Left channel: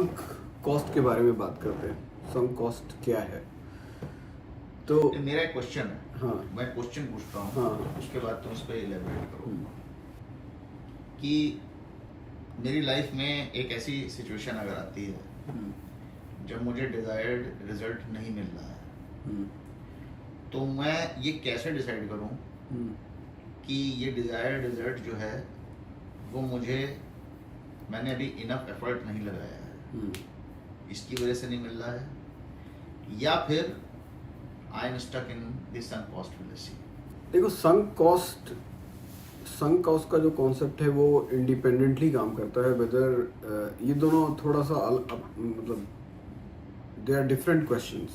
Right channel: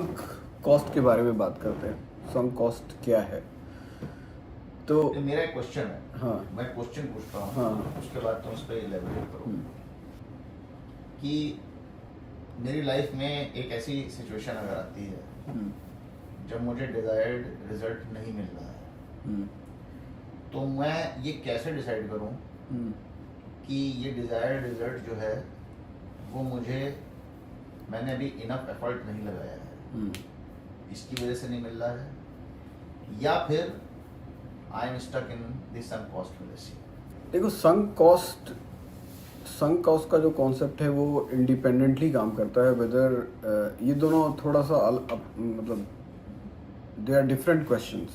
Sunk cost के बारे में बात करते हैं। संक कॉस्ट क्या है? तो मेरा एक क्वेश्चन है, हाँ मैं क्वेश्चन पूछता हूँ, हाँ उसके बाद तुम उस पर इलेबोरेट करो हम्म, कि मेरी लाइफ में एक ऐसी सिचुएशन अगर आती है हम्म, जब मुझे डिजायर्ड रिजल्ट नहीं मिल रहा है, हम्म, तो मैं ये कैसे डिसाइड करूँ हम्म, कि ये डिजायर्ड रिजल्ट जो है वो मैंने अभी इनफ एफर्ट नहीं लगाया है, हम्म। इसकी वजह से नहीं मिल रहा है, या फिर I am stuck in this sunk cost fallacy. देखो, संक कॉस्ट का जो कॉन्सेप्ट है वो इंडिपेंडेंटली काम करता है। वेदर ये दोनों थोड़ा सा मतलब they are different questions.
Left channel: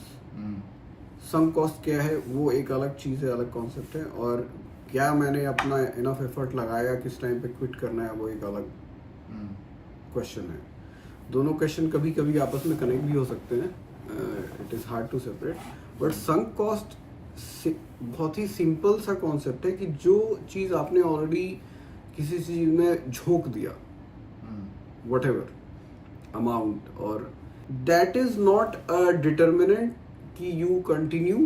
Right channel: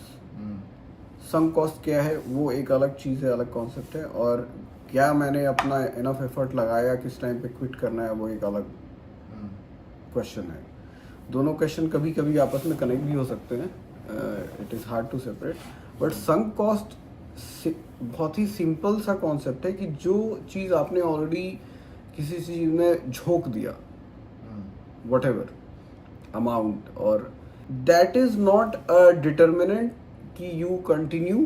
Sunk cost क्या है वो एक अलग चीज़ है, अलग कॉन्सेप्ट है, और क्या मैंने अपना इनफ एफर्ट लगाया, किस टाइम पे क्विट करना है, वो एक अलग क्वेश्चन है। दोनों क्वेश्चन कभी कभी आपस में कनेक्ट भी हो सकते हैं, it is hard to separate. But sunk cost बहुत ही सिंपल सा कॉन्सेप्ट है कि जो चीज़ आपने ऑलरेडी किसी चीज़ में झोंक दिया, वट एवर अमाउंट, और that is not a determinant कि you continue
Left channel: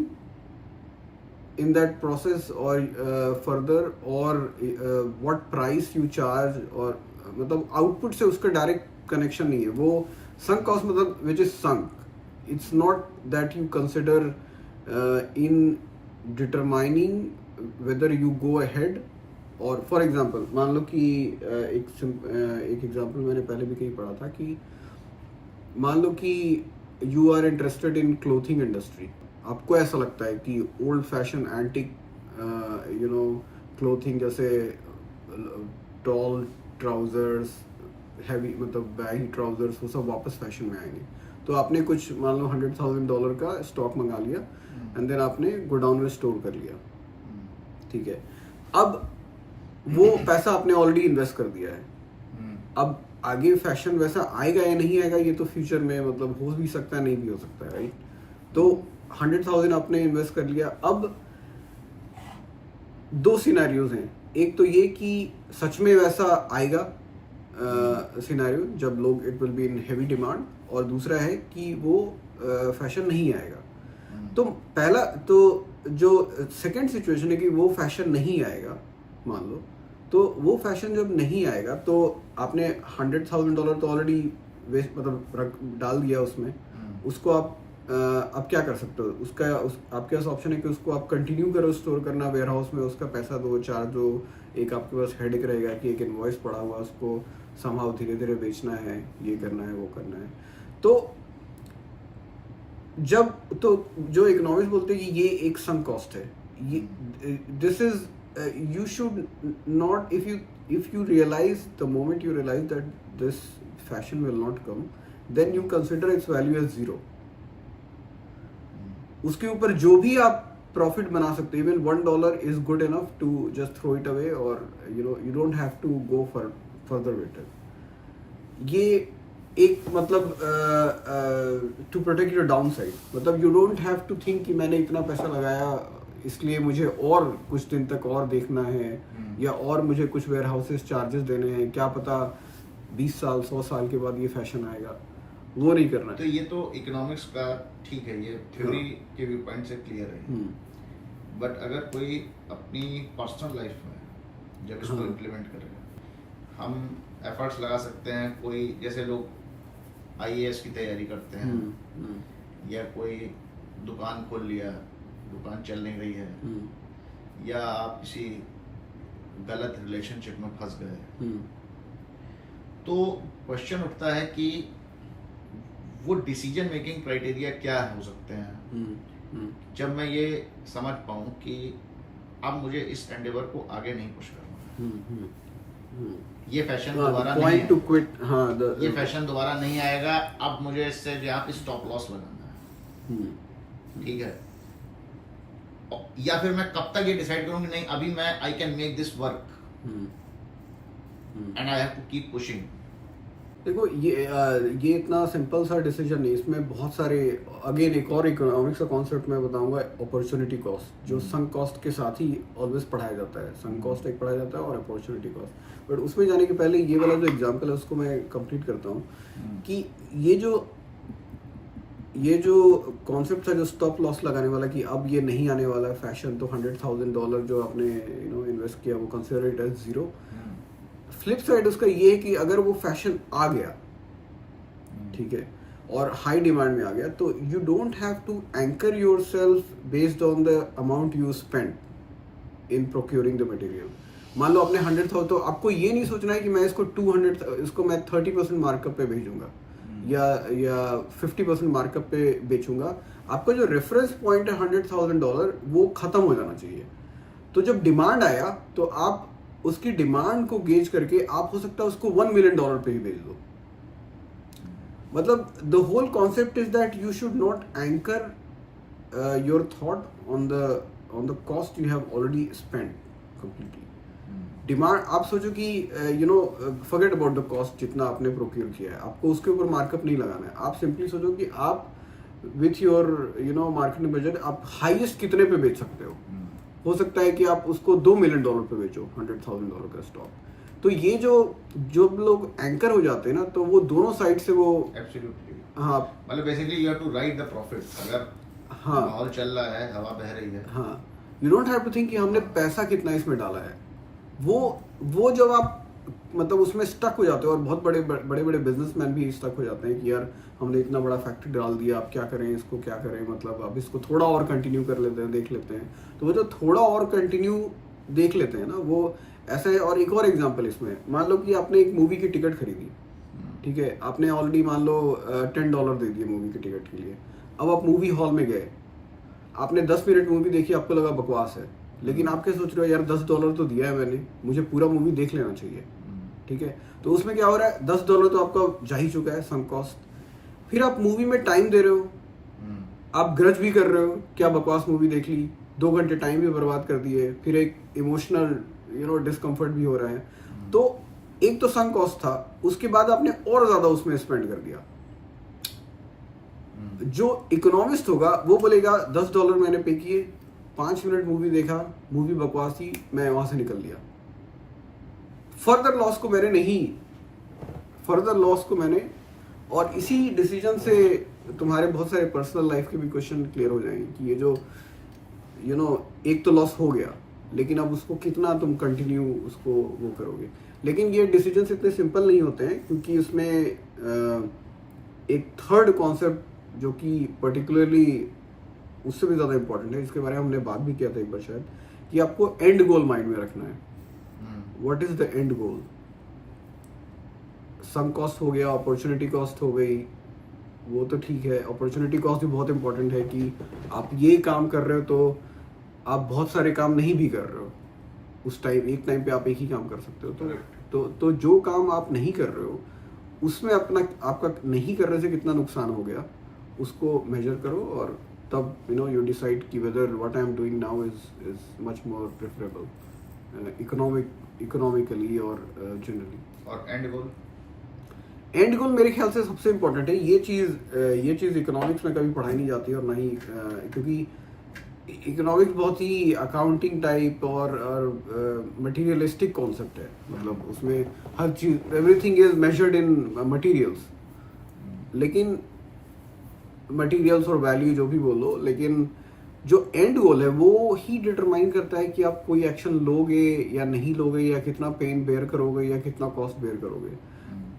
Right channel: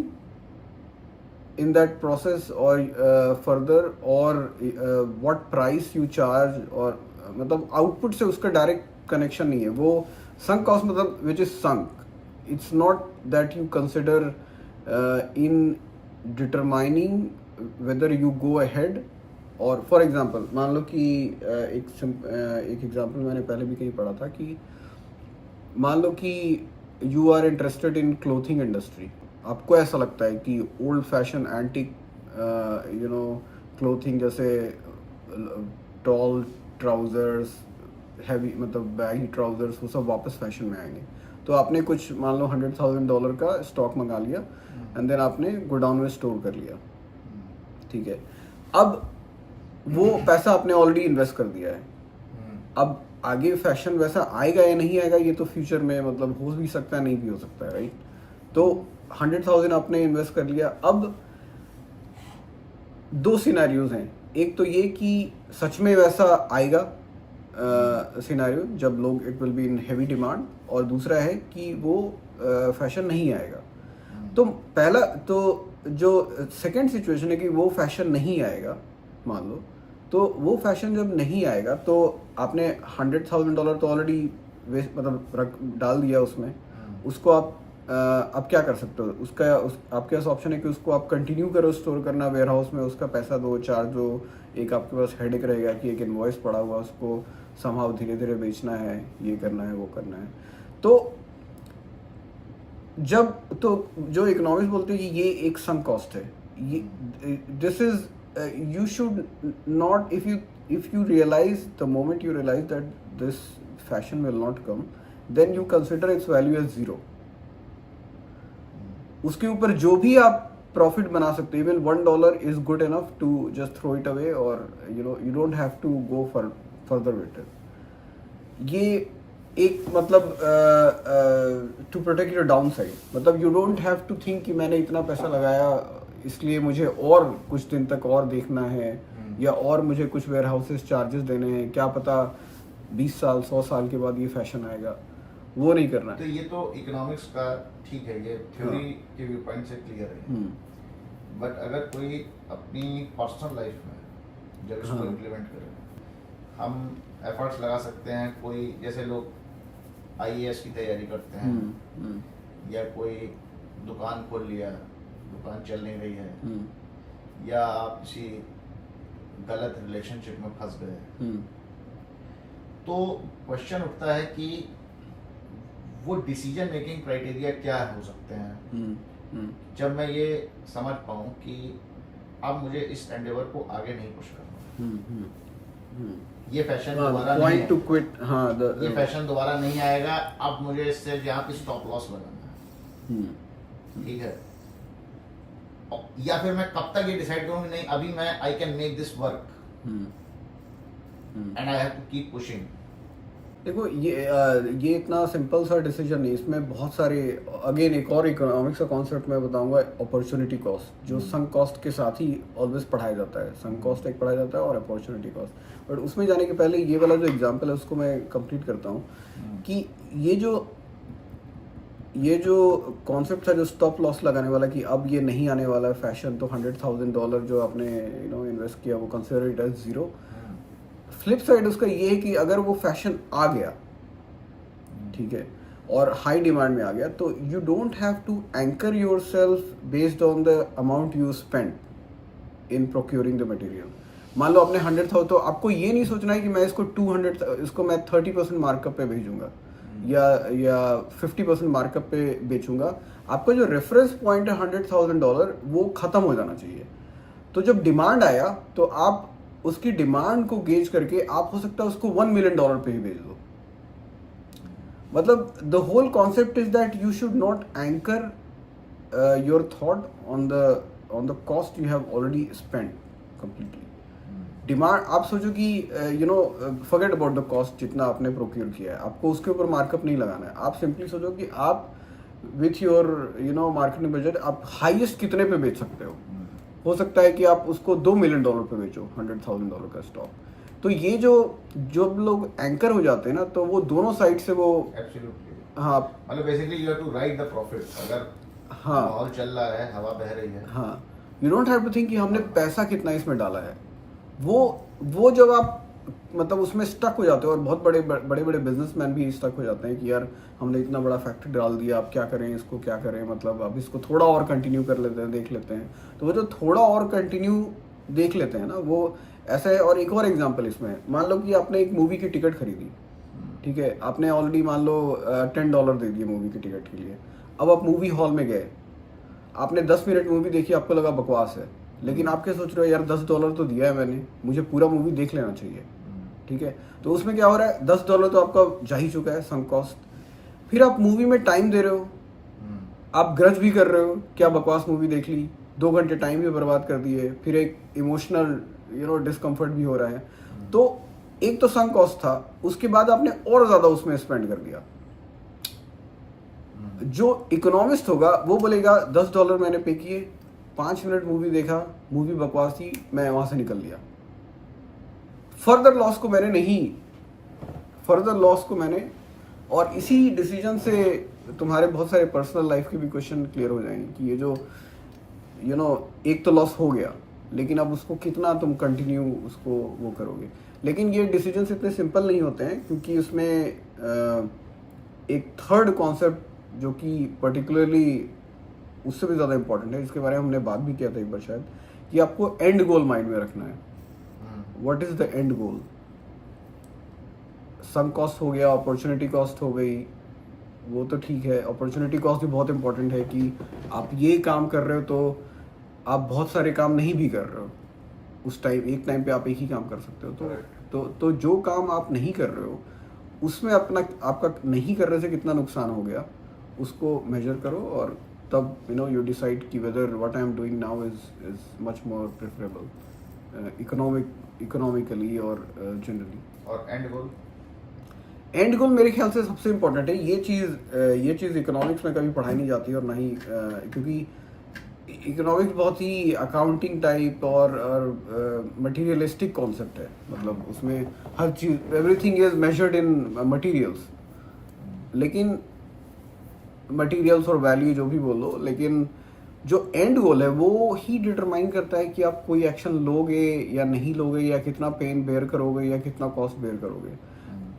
in that process और फर्दर, और व्हाट प्राइस यू चार्ज, और मतलब आउटपुट से उसका डायरेक्ट कनेक्शन नहीं है। वो संक कॉस्ट मतलब which is sunk, it's not that you consider in determining whether you go ahead. और फॉर एग्जांपल मान लो कि एक एग्जांपल मैंने पहले भी कहीं पढ़ा था कि मान लो कि you are interested in clothing industry. आपको ऐसा लगता है कि ओल्ड फैशन एंटिक क्लोथिंग, जैसे टॉल ट्राउजर्स, हैवी मतलब बैगी ट्राउजर्स, वो सब वापस फैशन में आएंगे। तो आपने कुछ मान लो $100,000 का स्टॉक मंगा लिया एंड देन आपने गोडाउन में स्टोर कर लिया, ठीक है। अब वो पैसा आपने ऑलरेडी इन्वेस्ट कर दिया है। अब आगे फैशन वैसा आएगा या नहीं आएगा ये तो फ्यूचर में मतलब हो भी सकता है, नहीं भी हो सकता है, राइट। तो 100,000 आपने इन्वेस्ट कर लिया। अब दो सिनेरियोज हैं, एक तो ये कि सच में वैसा आएगा सिनेरियो जब लोग it will be in heavy demand, और दूसरा है कि वो फैशन नहीं आएगा। तो पहला तो जो सेकंड सिचुएशन है कि वो फैशन नहीं आएगा, मान लो, तो वो फैशन जब नहीं आएगा तो आपने $100,000 तो ऑलरेडी मतलब डाल दिया उसमें, उसको आप अब क्या कर सकते हो, आपके पास ऑप्शन है कि उसको आप कंटिन्यू करो स्टोर करना वेयर हाउस में, उसका पैसा दो, चार्ज दो, एक आपके पास हेडेक रहेगा कि एक इनवॉइस पड़ा हुआ उसको समहाउ धीरे धीरे बेचना है, ये करना है, वो करना है। तो जो इकोनॉमिक्स बोलते हैं कि ये एक संक कॉस्ट है, ये this is you should not, if you realize the moment you realize that this fashion will not come, then you consider its value as zero. उसके ऊपर जो भी आप प्रॉफिट बना सकते हो, even $1 is good enough to just throw it away, और you don't have to go further with it. ये एक मतलब to protect your downside, मतलब you don't have to think कि मैंने इतना पैसा लगाया इसलिए मुझे और कुछ दिन तक और देखना है, या और मुझे कुछ वेयर हाउसेस चार्जेस देने हैं, क्या पता 20 साल 100 साल के बाद ये फैशन आएगा, वो नहीं करना है। तो ये तो इकोनॉमिक्स का ठीक है, ये थ्योरी के व्यू पॉइंट से क्लियर है, बट अगर कोई अपनी पर्सनल लाइफ में जब इसको इम्प्लीमेंट करे, हम एफर्ट्स लगा सकते हैं। कोई जैसे लोग IAS की तैयारी करते हैं, या कोई दुकान खोल लिया, दुकान चल नहीं रही है, या आप किसी गलत रिलेशनशिप में फंस गए, तो क्वेश्चन उठता है कि वो डिसीजन मेकिंग क्राइटेरिया क्या हो सकते हैं जब मैं ये समझ पाऊं कि अब मुझे इस एंडेवर को आगे नहीं पुश करना, ये फैशन दोबारा नहीं टू क्विट, ये फैशन दोबारा नहीं आएगा, अब मुझे इससे यहाँ पे स्टॉप लॉस लगाना है, ठीक है। या फिर मैं कब तक ये डिसाइड करूं कि नहीं, अभी मैं I can make this work and I have to keep pushing, देखो ये इतना सिंपल सा डिसीजन नहीं, इसमें बहुत सारे, अगेन एक और इकोनॉमिक्स का कॉन्सेप्ट मैं बताऊंगा, अपॉर्चुनिटी कॉस्ट, जो संक कॉस्ट के साथ ही ऑलवेज पढ़ाया जाता है। संक कॉस्ट एक पढ़ाया जाता है और अपॉर्चुनिटी कॉस्ट। बट उसमें जाने के पहले ये वाला जो एग्जांपल है उसको मैं कंप्लीट करता हूँ कि ये जो कॉन्सेप्ट था, जो स्टॉप लॉस लगाने वाला कि अब ये नहीं आने वाला है फैशन, तो $100,000 जो आपने इन्वेस्ट किया वो consider it as zero. Flip side उसका ये है कि अगर वो फैशन आ गया, ठीक है, और हाई डिमांड में आ गया, तो you don't have to anchor yourself based on the amount you spend in procuring the material. मान लो आपने 100,000, तो आपको ये नहीं सोचना है कि मैं इसको मैं 30% मार्कअप पे भेजूंगा या 50% मार्कअप पे बेचूंगा। आपका जो रेफरेंस पॉइंट है $100,000 वो खत्म हो जाना चाहिए। तो जब डिमांड आया तो आप उसकी डिमांड को गेज करके आप हो सकता है उसको $1 मिलियन पे ही बेच दो। मतलब the whole concept is that you should not anchor your thought on the cost you have already spend completely. Demand, आप सोचो कि फॉरगेट अबाउट द कॉस्ट, जितना आपने प्रोक्योर किया है आपको उसके ऊपर मार्कअप नहीं लगाना है। आप सिंपली सोचो कि आप विथ योर मार्केटिंग बजट आप हाईएस्ट कितने पे बेच सकते हो सकता है कि आप उसको $2 मिलियन पे बेचो $100,000 का स्टॉक। तो ये जो लोग एंकर हो जाते हैं ना, तो वो दोनों साइड से वो एब्सोल्युटली, हाँ, मतलब basically you have to ride the profit. अगर हाँ, माहौल चल रहा है, हवा बह रही है, हाँ, you don't have to think कि हमने पैसा कितना इसमें डाला है। वो जब आप मतलब उसमें स्टक हो जाते हो, और बहुत बड़े बिजनेसमैन भी स्टक हो जाते हैं कि यार हमने इतना बड़ा फैक्ट्री डाल दिया, अब क्या करें, इसको क्या करें, मतलब अब इसको थोड़ा और कंटिन्यू कर लेते हैं, देख लेते हैं। तो वो जो थोड़ा और कंटिन्यू देख लेते हैं ना, वो ऐसा है। और एक और एग्जांपल इसमें, मान लो कि आपने एक मूवी की टिकट खरीदी, ठीक है, आपने ऑलरेडी मान लो $10 दे दिए मूवी की टिकट के लिए। अब आप मूवी हॉल में गए, आपने 10 मिनट मूवी देखी, आपको लगा बकवास है, लेकिन आप क्या सोच रहे हो, यार $10 तो दिया है मैंने, मुझे पूरा मूवी देख लेना चाहिए, ठीक है। तो उसमें क्या हो रहा है, $10 तो आपका जा ही चुका है, संक कॉस्ट। फिर आप मूवी में टाइम दे रहे हो, आप ग्रज भी कर रहे हो, क्या बकवास मूवी देख ली, 2 घंटे टाइम भी बर्बाद कर दिए, फिर एक इमोशनल डिस्कम्फर्ट भी हो रहा है। तो एक तो संक कॉस्ट था, उसके बाद आपने और ज्यादा उसमें स्पेंड कर दिया। जो इकोनॉमिस्ट होगा वो बोलेगा $10 मैंने पे किए, 5 मिनट मूवी देखा, मूवी बकवास थी, मैं वहां से निकल लिया। फर्दर लॉस को मैंने और इसी डिसीजन से तुम्हारे बहुत सारे पर्सनल लाइफ के भी क्वेश्चन क्लियर हो जाएंगे कि ये जो एक तो लॉस हो गया, लेकिन अब उसको कितना तुम कंटिन्यू उसको वो करोगे। लेकिन ये डिसीजंस इतने सिंपल नहीं होते हैं, क्योंकि उसमें एक थर्ड कॉन्सेप्ट जो कि पर्टिकुलरली उससे भी ज़्यादा इंपॉर्टेंट है, इसके बारे में हमने बात भी किया था एक बार शायद, कि आपको एंड गोल माइंड में रखना है। What is the end goal? Sunk cost हो गया, अपॉर्चुनिटी कॉस्ट हो गई, वो तो ठीक है। अपॉर्चुनिटी कॉस्ट भी बहुत इंपॉर्टेंट है कि आप ये काम कर रहे हो तो आप बहुत सारे काम नहीं भी कर रहे हो उस एक टाइम पे आप एक ही काम कर सकते हो। तो जो काम आप नहीं कर रहे हो उसमें आपका नहीं करने से कितना नुकसान हो गया उसको मेजर करो, और तब यू डिसाइड कि whether what I am doing now is much more preferable economically और जनरली। और एंड गोल मेरे ख्याल से सबसे इम्पोर्टेंट है। ये चीज़ इकोनॉमिक्स में कभी पढ़ाई नहीं जाती, और ना ही क्योंकि इकोनॉमिक्स बहुत ही अकाउंटिंग टाइप और मटेरियलिस्टिक कॉन्सेप्ट है। मतलब उसमें हर चीज़, everything is measured in materials, लेकिन मटेरियल्स और वैल्यू जो भी बोलो, लेकिन जो एंड गोल है वो ही डिटरमाइन करता है कि आप कोई एक्शन लोगे या नहीं लोगे, या कितना पेन बेयर करोगे या कितना कॉस्ट बेयर करोगे।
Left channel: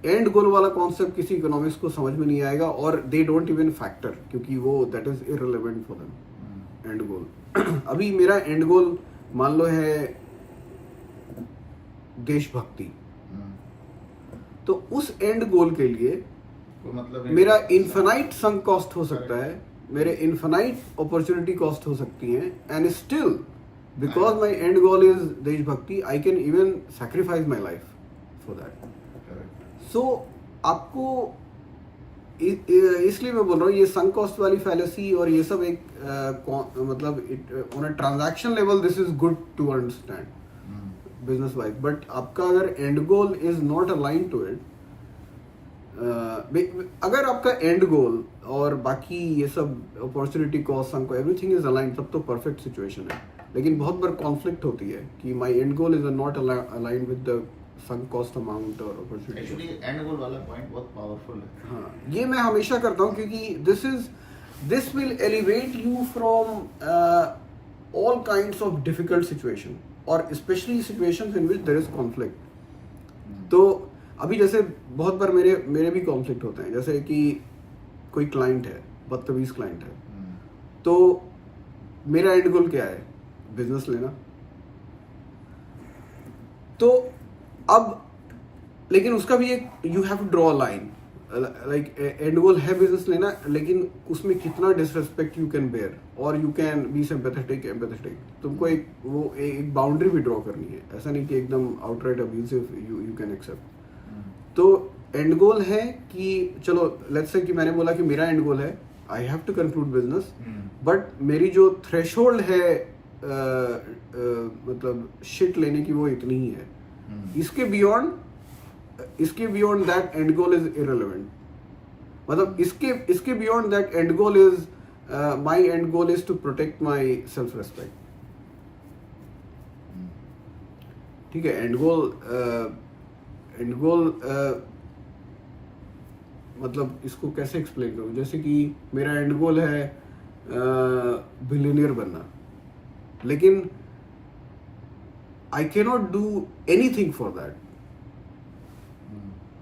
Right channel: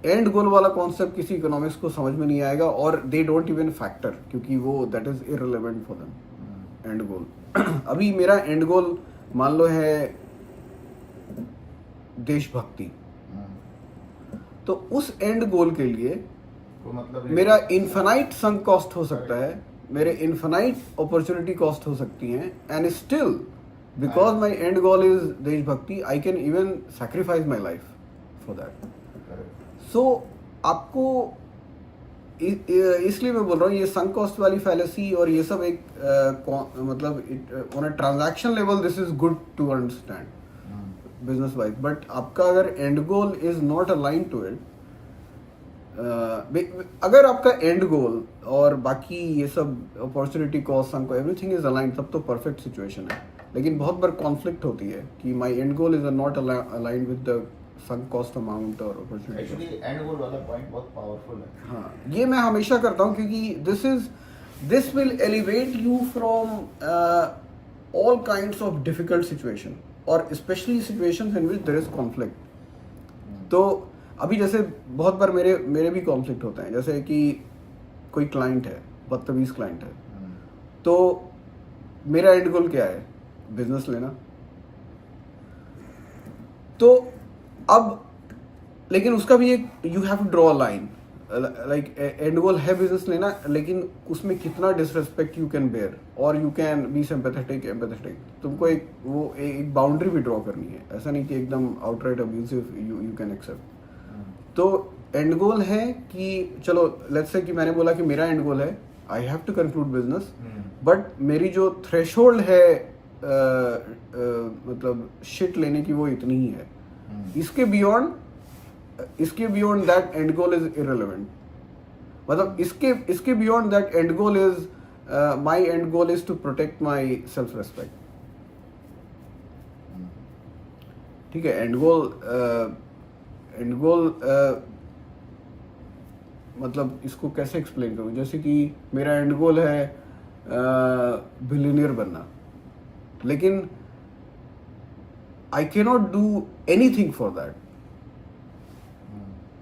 एंड गोल वाला कॉन्सेप्ट किसी इकोनॉमिक्स को समझ में नहीं आएगा, और दे डोंट इवन फैक्टर, क्योंकि वो that is irrelevant for them. End goal अभी मेरा एंड गोल मान लो है देशभक्ति, तो उस एंड गोल के लिए तो मतलब मेरा इन्फिनाइट संक कॉस्ट हो सकता है, मेरे इन्फिनाइट अपॉर्चुनिटी कॉस्ट हो सकती हैं, and still because my end goal is देशभक्ति I can even sacrifice my life for that. So आपको इसलिए मैं बोल रहा हूँ ये संक कॉस्ट वाली फैलेसी और ये सब एक मतलब on a transaction level this is good to understand business wise, but आपका अगर end goal is not align to it, अगर आपका एंड गोल और बाकी ये सब अपॉर्चुनिटी कॉस्ट को एवरीथिंग इज अलाइन, तब तो परफेक्ट सिचुएशन है. लेकिन बहुत बार कॉन्फ्लिक्ट होती है कि my end goal is not aligned with the sunk cost amount और अपॉर्चुनिटी. एक्चुअली एंड गोल वाला पॉइंट बहुत पावरफुल है. हाँ, ये मैं हमेशा करता हूँ क्योंकि this will elevate you from all kinds of difficult situation और specially situations in which there is conflict. तो अभी जैसे बहुत बार मेरे भी कॉन्फ्लिक्ट होते हैं. जैसे कि कोई क्लाइंट है, बदतमीज क्लाइंट है, तो मेरा एंड गोल क्या है? बिजनेस लेना. तो अब लेकिन उसका भी एक you have to draw a line. Like end goal है बिजनेस लेना, लेकिन उसमें कितना डिसरेस्पेक्ट यू कैन बेयर और यू कैन बी एम्पैथेटिक. तुमको एक बाउंड्री भी ड्रॉ करनी है. ऐसा नहीं कि एकदम outright abusive you can accept. तो एंड गोल है कि चलो लेट्स से कि मैंने बोला कि मेरा एंड गोल है I have to conclude business, but मेरी जो थ्रेशोल्ड है मतलब शिट लेने की वो इतनी ही है. इसके beyond that end goal is irrelevant. मतलब इसके beyond that end goal is my end goal is to protect my self respect. ठीक है. एंड गोल मतलब इसको कैसे एक्सप्लेन करूं? जैसे कि मेरा एंड गोल है बिलियनियर बनना, लेकिन I cannot do anything for that.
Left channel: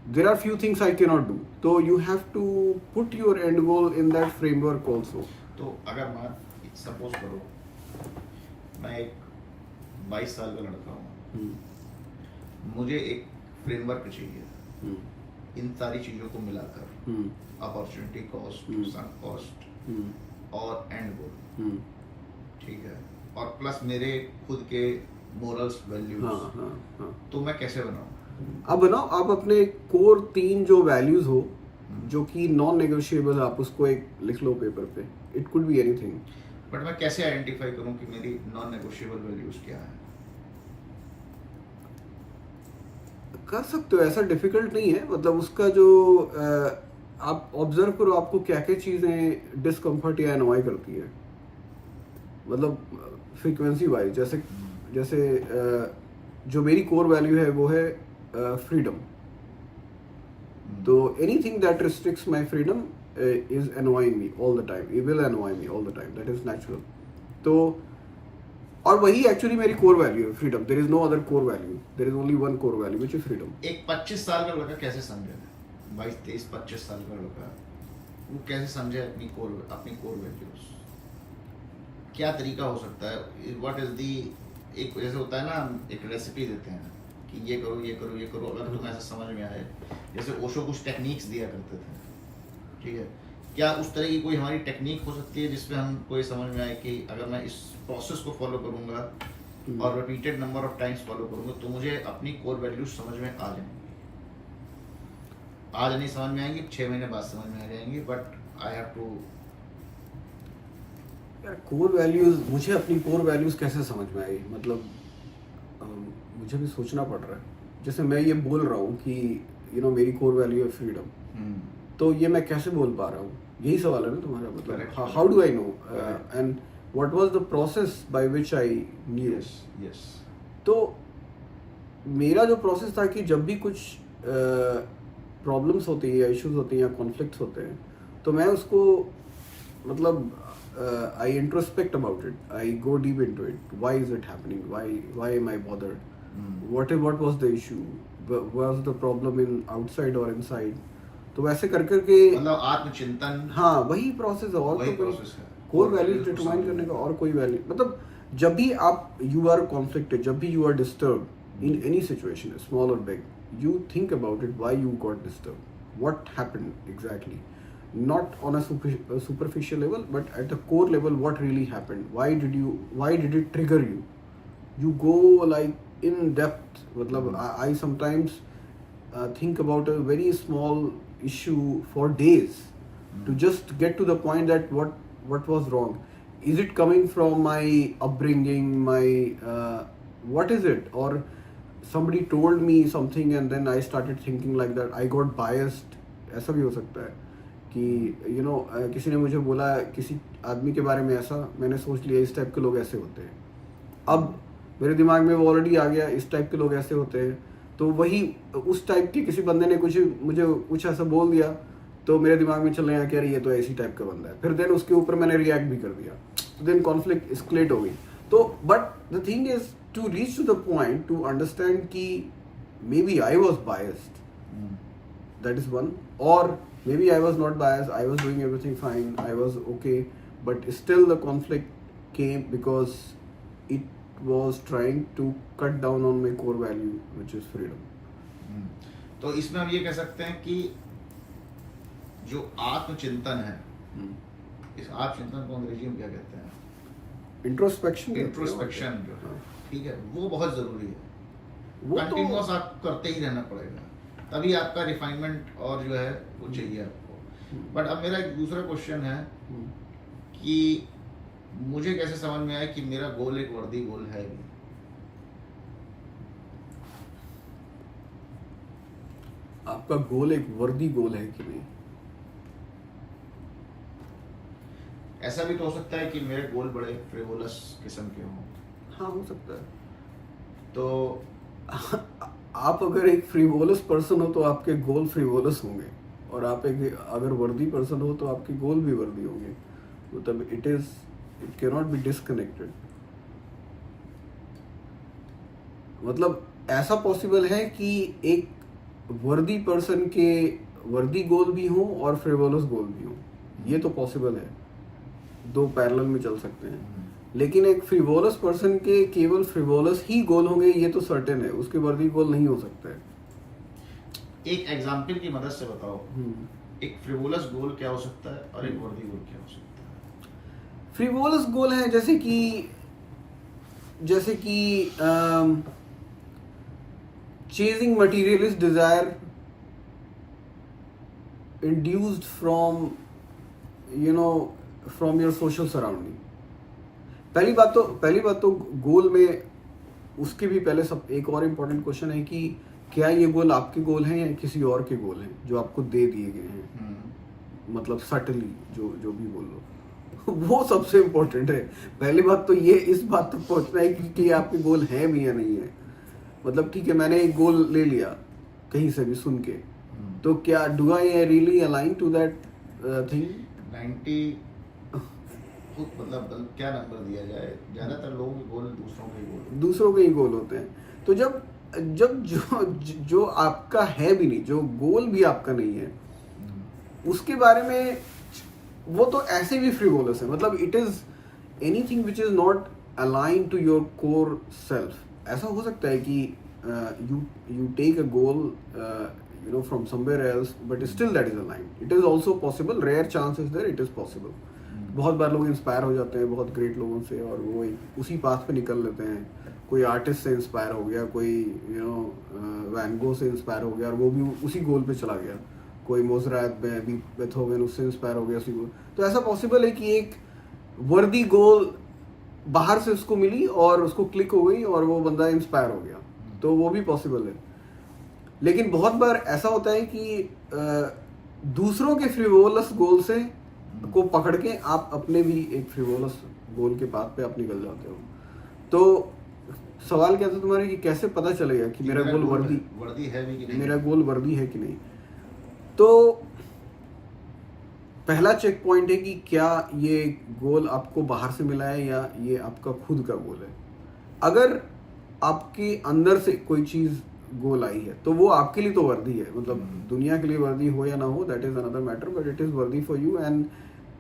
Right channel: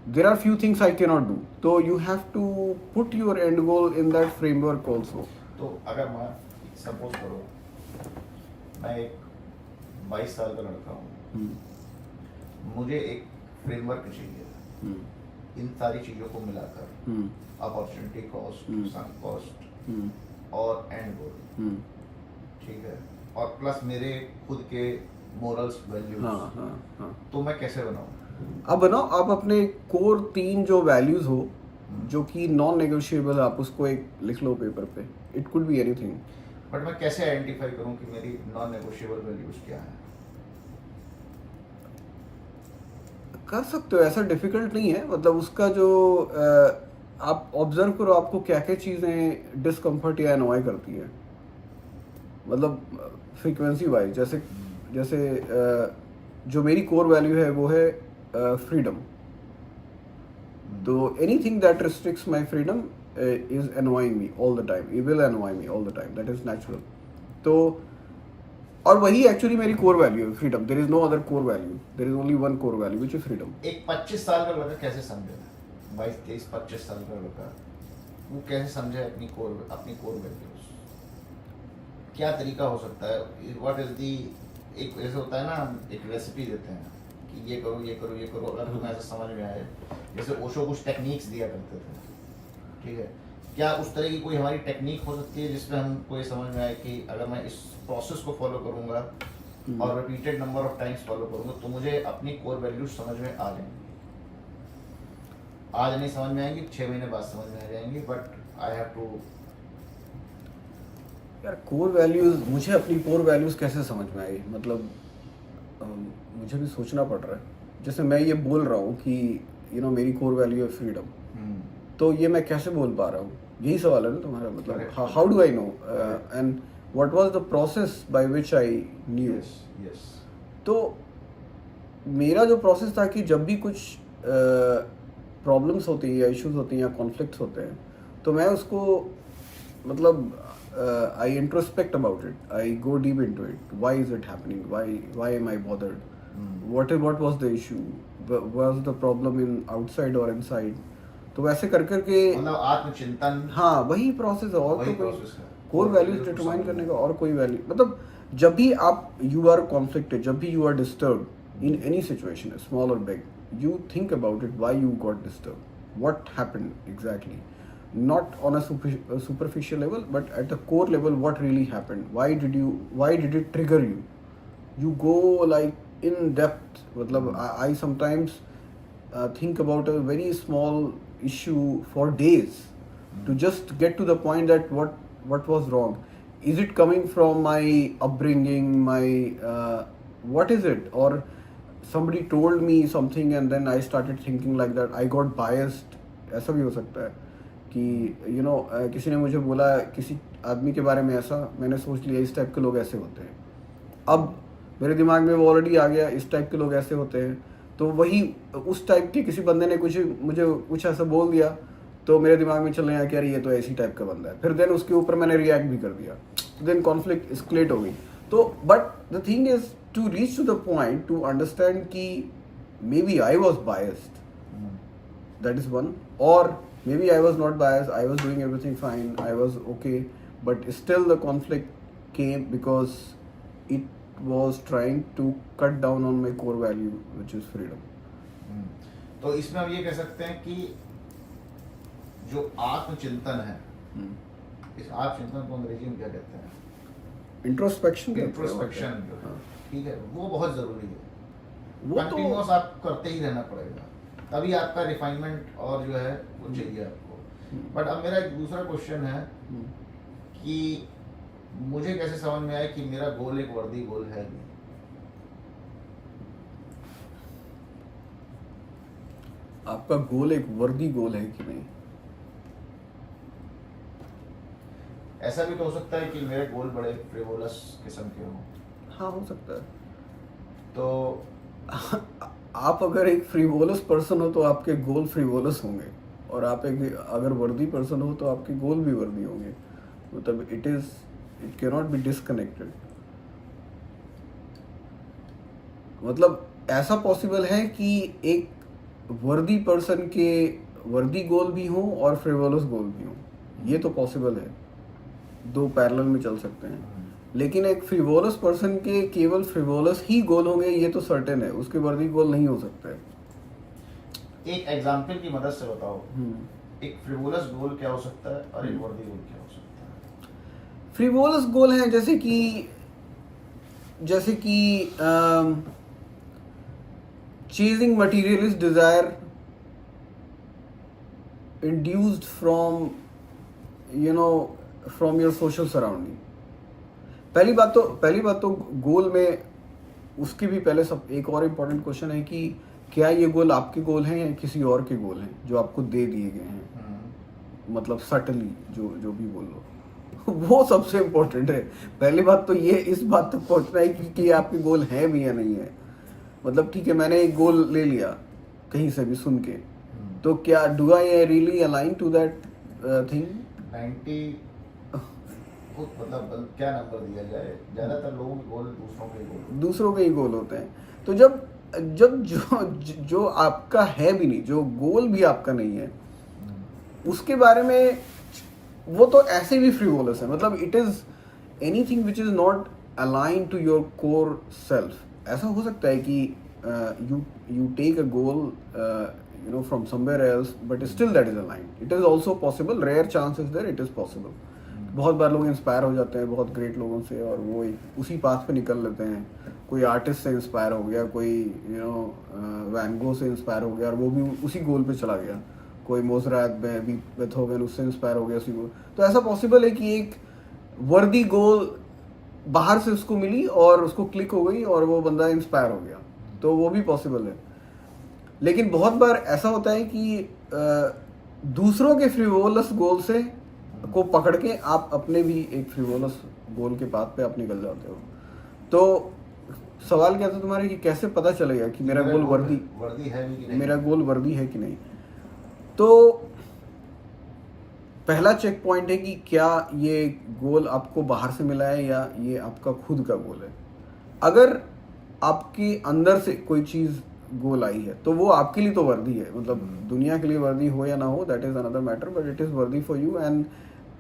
There are few things I cannot do. तो you have to put your end goal in that framework also. तो अगर मैं सपोज करो मैं एक 22 साल का लड़का हूँ, मुझे एक फ्रेमवर्क चाहिए. इन सारी चीजों को मिलाकर अपॉर्चुनिटी कॉस्ट, सunk कॉस्ट और एंड गोल. ठीक है. और प्लस मेरे खुद के मोरल्स, वैल्यूज. हाँ. तो मैं कैसे बनाऊं? अब बनाओ आप अपने कोर 3 जो वैल्यूज हो जो कि नॉन नेगोशिएबल, आप उसको एक लिख लो पेपर पे. It could be anything. But मैं कैसे आइडेंटिफाई करूं कि मेरी नॉन नेगोशिएबल वैल्यूज क्या है? कर सकते हो, ऐसा डिफिकल्ट नहीं है. मतलब उसका जो आप ऑब्जर्व करो आपको क्या क्या चीज़ें डिस्कम्फर्ट या अनॉय करती है. मतलब फ्रीक्वेंसी वाइज जैसे जो मेरी कोर वैल्यू है वो है फ्रीडम. तो anything that restricts my freedom is annoying me all the time. It will annoy me all the time. That is natural. तो और वही एक्चुअली मेरी कोर वैल्यू है, freedom. There is no other core value. There is only one core value which is freedom. एक 25 साल का लड़का कैसे समझे? 22-23-25 साल का लड़का वो कैसे समझे अपनी कोर वैल्यूज? क्या तरीका हो सकता है? व्हाट इज दी, एक जैसे होता है ना, हम एक रेसिपी देते हैं कि ये करो ये करो ये करो, अगर तुम्हें ऐसा समझ में आए. जैसे ओशो कुछ टेक्निक्स दिया करते थे. ठीक है. क्या उस तरह की कोई हमारी टेक्निक हो सकती है जिसमें हमको ये समझ में आए कि अगर मैं इस प्रोसेस को फॉलो करूंगा और repeated number of times follow करूंगा तो मुझे अपनी कोर वैल्यूज समझ में आ जाएंगी? आज नहीं समझ में आएंगी, 6 महीने बाद समझ में आ जाएंगी, बट आई हैव टू. यार कोर वैल्यूज, मुझे अपनी कोर वैल्यूज कैसे समझ में आई? मतलब मुझे भी सोचना पड़ रहा है. जैसे मैं ये बोल रहा हूँ कि मेरी कोर वैल्यू है फ्रीडम, तो ये मैं कैसे बोल पा रहा हूँ? यही सवाल है ना तुम्हारा. मतलब how do I know and what was the process by which I knew. Yes. तो मेरा जो प्रोसेस था कि जब भी कुछ प्रॉब्लम्स होती है या इश्यूज होती हैं या कॉन्फ्लिक्ट्स होते हैं, तो मैं उसको मतलब I introspect about it. I go deep into it. Why is it happening? Why am I bothered? What was the issue? Was the problem in outside or inside? तो वैसे कर करके मतलब आत्मचिंतन. हाँ, वही प्रोसेस है. और तो कोई कोर वैल्यूज डिटरमाइन करने का और कोई वैल्यू. मतलब जब भी आप यू आर कॉन्फ्लिक्टेड, जब भी you are disturb in any situation, small और big, you think about it, why you got disturbed, what happened exactly, not on a superficial level, but at the core level, what really happened, why did it trigger you. You go like in depth. matlab I sometimes think about a very small issue for days to just get to the point that what was wrong. Is it coming from my upbringing, my what is it, or somebody told me something and then I started thinking like that, I got biased ऐसा भी हो सकता है कि किसी ने मुझे बोला किसी आदमी के बारे में ऐसा, मैंने सोच लिया इस टाइप के लोग ऐसे होते हैं। अब मेरे दिमाग में वो ऑलरेडी आ गया इस टाइप के लोग ऐसे होते हैं, तो वही उस टाइप के किसी बंदे ने मुझे कुछ ऐसा बोल दिया, तो मेरे दिमाग में चल रहा है कि अरे ये तो ऐसी टाइप का बंदा है। फिर देन उसके ऊपर मैंने रिएक्ट भी कर दिया, तो देन कॉन्फ्लिक्ट एस्केलेट हो गई। तो but the thing is to reach to the point to understand कि maybe I was biased, that is one, or maybe I was not biased, I was doing everything fine, I was okay, but still the conflict came because it was trying to cut down on my core value, which is freedom. तो इसमें हम ये कह सकते हैं कि जो आत्मचिंतन है, इस आत्मचिंतन को अंग्रेजी में क्या कहते हैं? इंट्रोस्पेक्शन जो है, ठीक है, वो बहुत जरूरी है। वो कंटिन्यूअस आपको करते ही रहना पड़ेगा, तभी आपका रिफाइनमेंट और जो है वो चाहिए आपको। बट अब मेरा एक दूसरा क्वेश्चन है कि मुझे कैसे समझ में आया कि मेरा गोल एक वर्दी गोल है भी? आपका गोल एक वर्दी गोल है कि नहीं? ऐसा भी तो हो सकता है कि मेरे गोल बड़े फ्रिवोलस किस्म के हों। हाँ, हो सकता है। तो आप अगर एक फ्रीवोलस पर्सन हो तो आपके गोल फ्रीवोलस होंगे, और आप एक अगर वर्दी पर्सन हो तो आपके गोल भी वर्दी होंगे। मतलब it can not be disconnected. मतलब ऐसा पॉसिबल है कि एक वर्दी पर्सन के वर्दी गोल भी हों और फ्रीवोलस गोल भी हों, ये तो पॉसिबल है, दो पैरेलल में चल सकते हैं। लेकिन एक फ्रिवोलस पर्सन के केवल फ्रिवोलस ही गोल होंगे, ये तो सर्टेन है, उसके वर्दी गोल नहीं हो सकते। एक एग्जांपल की मदद से बताओ, एक फ्रिवोलस गोल क्या हो सकता है और एक वर्दी गोल क्या हो सकता है? फ्रिवोलस गोल है जैसे कि chasing materialist desire induced from your social surrounding. पहली बात तो गोल में उसके भी पहले सब एक और इम्पोर्टेंट क्वेश्चन है कि क्या ये गोल आपके गोल हैं या किसी और के गोल हैं जो आपको दे दिए गए हैं। मतलब सटली जो भी बोल लो वो सबसे इम्पोर्टेंट है। पहली बात तो ये इस बात तक पहुंचना है कि आपके गोल हैं भी या नहीं है। मतलब ठीक है, मैंने एक गोल ले लिया कहीं से भी सुन के, तो क्या do I really align to that thing? 90 मतलब क्या नंबर दिया जाए, ज्यादातर लोगों के गोल दूसरों के ही गोल होते हैं। तो जब जो आपका है भी नहीं, जो गोल भी आपका नहीं है, उसके बारे में वो तो ऐसे भी फ्रीवोलस है। मतलब it is anything which is not align to your core self. ऐसा हो सकता है कि you take a goal from somewhere else, but still that is aligned. It is also possible, rare chance is there, it is possible. बहुत बार लोग inspire हो जाते हैं बहुत ग्रेट लोगों से और वो उसी पाथ पे निकल लेते हैं। कोई आर्टिस्ट से इंस्पायर हो गया, कोई वैन गो से इंस्पायर हो गया और वो भी उसी गोल पे चला गया। कोई मोज़ार्ट, बेथोवेन, उससे इंस्पायर हो गया उसी गोल। तो ऐसा पॉसिबल है कि एक वर्दी गोल बाहर से उसको मिली और उसको क्लिक हो गई और वो बंदा इंस्पायर हो गया, तो वो भी पॉसिबल है। लेकिन बहुत बार ऐसा होता है कि दूसरों के फ्रिवोलस गोल से को पकड़ के आप अपने भी एक फ्रिवोलस गोल के पाथ पे आप निकल जाते हो। तो सवाल क्या था तुम्हारे कि कैसे पता चलेगा कि मेरा गोल वर्दी है भी कि नहीं? मेरा गोल वर्दी है कि नहीं? तो पहला चेक पॉइंट है कि क्या ये गोल आपको बाहर से मिला है या ये आपका खुद का गोल है। अगर आपके अंदर से कोई चीज गोल आई है तो वो आपके लिए तो वर्दी है। मतलब दुनिया के लिए वर्दी हो या ना हो, that is another matter, but it is worthy for you. And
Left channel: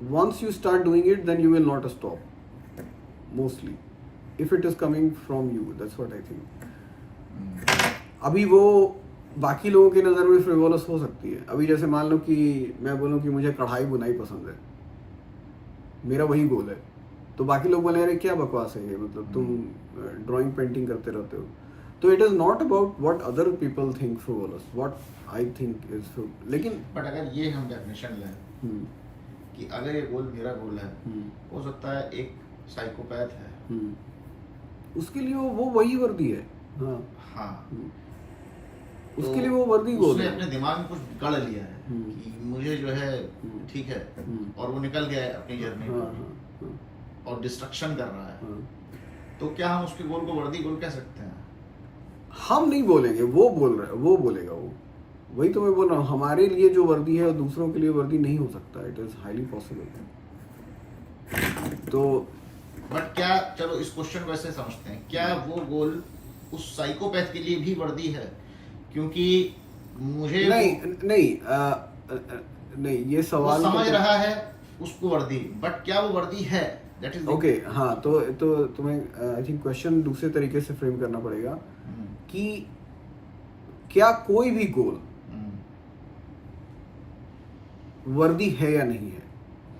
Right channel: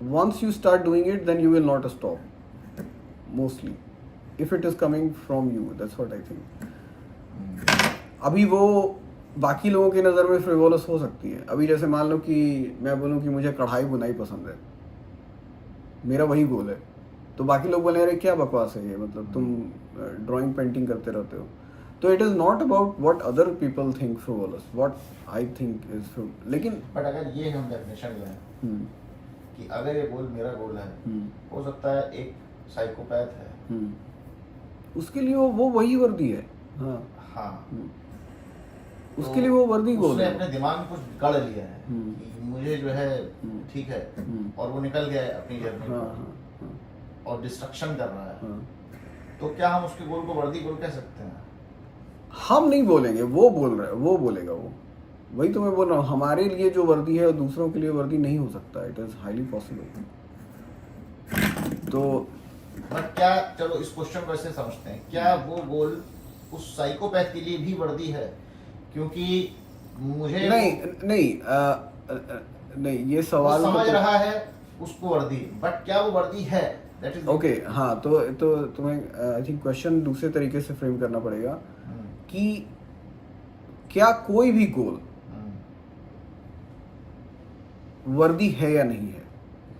once you start doing it then you will not stop mostly if it is coming from you. That's what I think. अभी वो बाकी लोगों की नज़र में frivolous हो सकती है। अभी जैसे मान लो कि मैं बोलूँ कि मुझे कढ़ाई बुनाई पसंद है, मेरा वही गोल है, तो बाकी लोग बोले अरे क्या बकवास है ये, मतलब तुम ड्राइंग पेंटिंग करते रहते हो। तो it is not about what other people think frivolous, what I think is frivolous. लेकिन बट अगर ये हम डेफिनेशन लें कि अगर ये गोल मेरा गोल है, हो सकता है एक साइकोपैथ है, उसके लिए वो वही वर्दी है। हाँ हाँ। उसके लिए वो वर्दी गोल उसने है। अपने दिमाग में कुछ गढ़ लिया है कि मुझे जो है ठीक है, और वो निकल गया है अपनी जर्नी हाँ, पर हाँ, हाँ, और डिस्ट्रक्शन कर रहा है, हाँ। तो क्या हम उसके गोल को वर्दी गोल कह सकते हैं? हम नहीं बोलेंगे, वो बोल रहा है, वो बोलेगा वो। वही तो मैं बोल रहा हूँ, हमारे लिए जो वर्दी है दूसरों के लिए वर्दी नहीं हो सकता। It is highly possible. तो बट क्या, चलो इस क्वेश्चन को ऐसे समझते हैं, क्या वो गोल उस साइकोपैथ के लिए भी वर्दी है? क्योंकि मुझे नहीं नहीं नहीं, ये वो सवाल समझ तो रहा है उसको वर्दी, बट क्या वो वर्दी है? That is okay. हाँ, तो तुम्हें आई थिंक क्वेश्चन दूसरे तरीके से फ्रेम करना पड़ेगा कि क्या कोई भी गोल वर्दी है या नहीं है,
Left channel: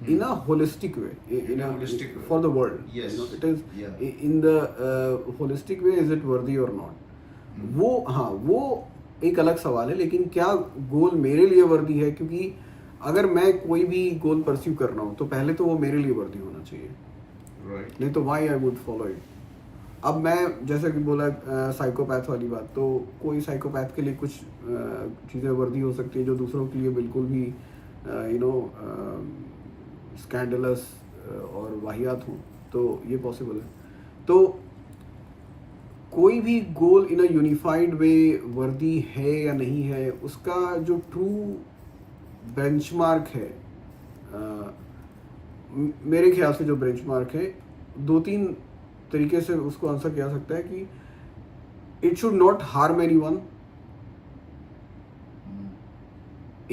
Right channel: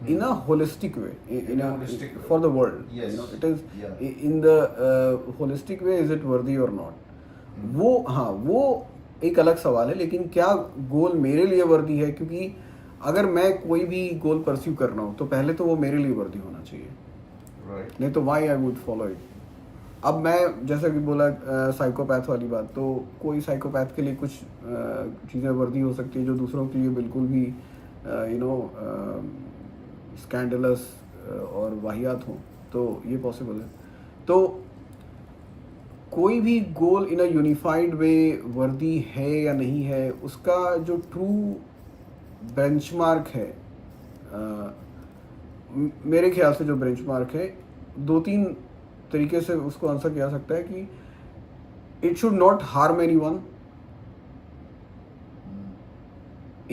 in a holistic way, In a holistic way. for the world. Yes. It is Yeah. in the holistic way, is it worthy or not? वो हाँ, वो एक अलग सवाल है। लेकिन क्या गोल मेरे लिए वर्दी है? क्योंकि अगर मैं कोई भी गोल परस्यू कर रहा हूँ तो पहले तो वो मेरे लिए वर्दी होना चाहिए, राइट। नहीं तो why I would follow it. अब मैं जैसा कि बोला साइकोपैथ वाली बात, तो कोई साइकोपैथ के लिए कुछ चीज़ें वर्दी हो सकती है जो दूसरों के लिए बिल्कुल भी स्कैंडलस और वाहियात हो, तो ये पॉसिबल है। तो कोई भी गोल इन अ यूनिफाइड वे वर्दी है या नहीं है, उसका जो ट्रू बेंचमार्क है, मेरे ख्याल से जो बेंचमार्क है, 2-3 तरीके से उसको आंसर किया सकता है कि it should not harm anyone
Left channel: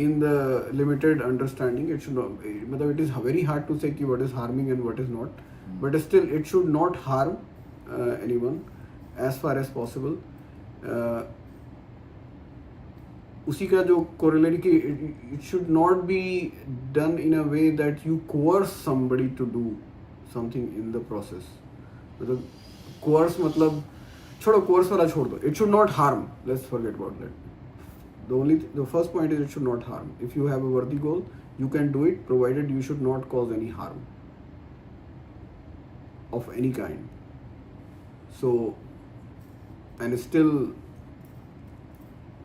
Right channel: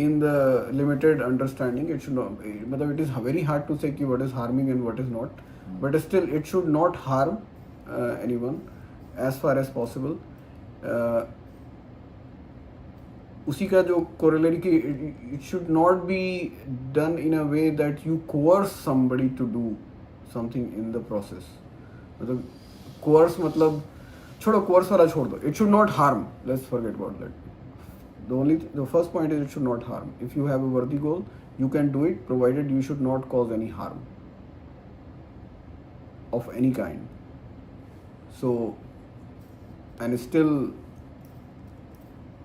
in the limited understanding. It should not, मतलब it is very hard to say कि what is harming and what is not, but still it should not harm anyone as far as possible. उसी का जो corollary कि it should not be done in a way that you coerce somebody to do something in the process. मतलब coerce मतलब छोड़ो, coerce वाला छोड़ दो, it should not harm. Let's forget about that. The first point is it should not harm. If you have a worthy goal, you can do it, provided you should not cause any harm of any kind. So, and still,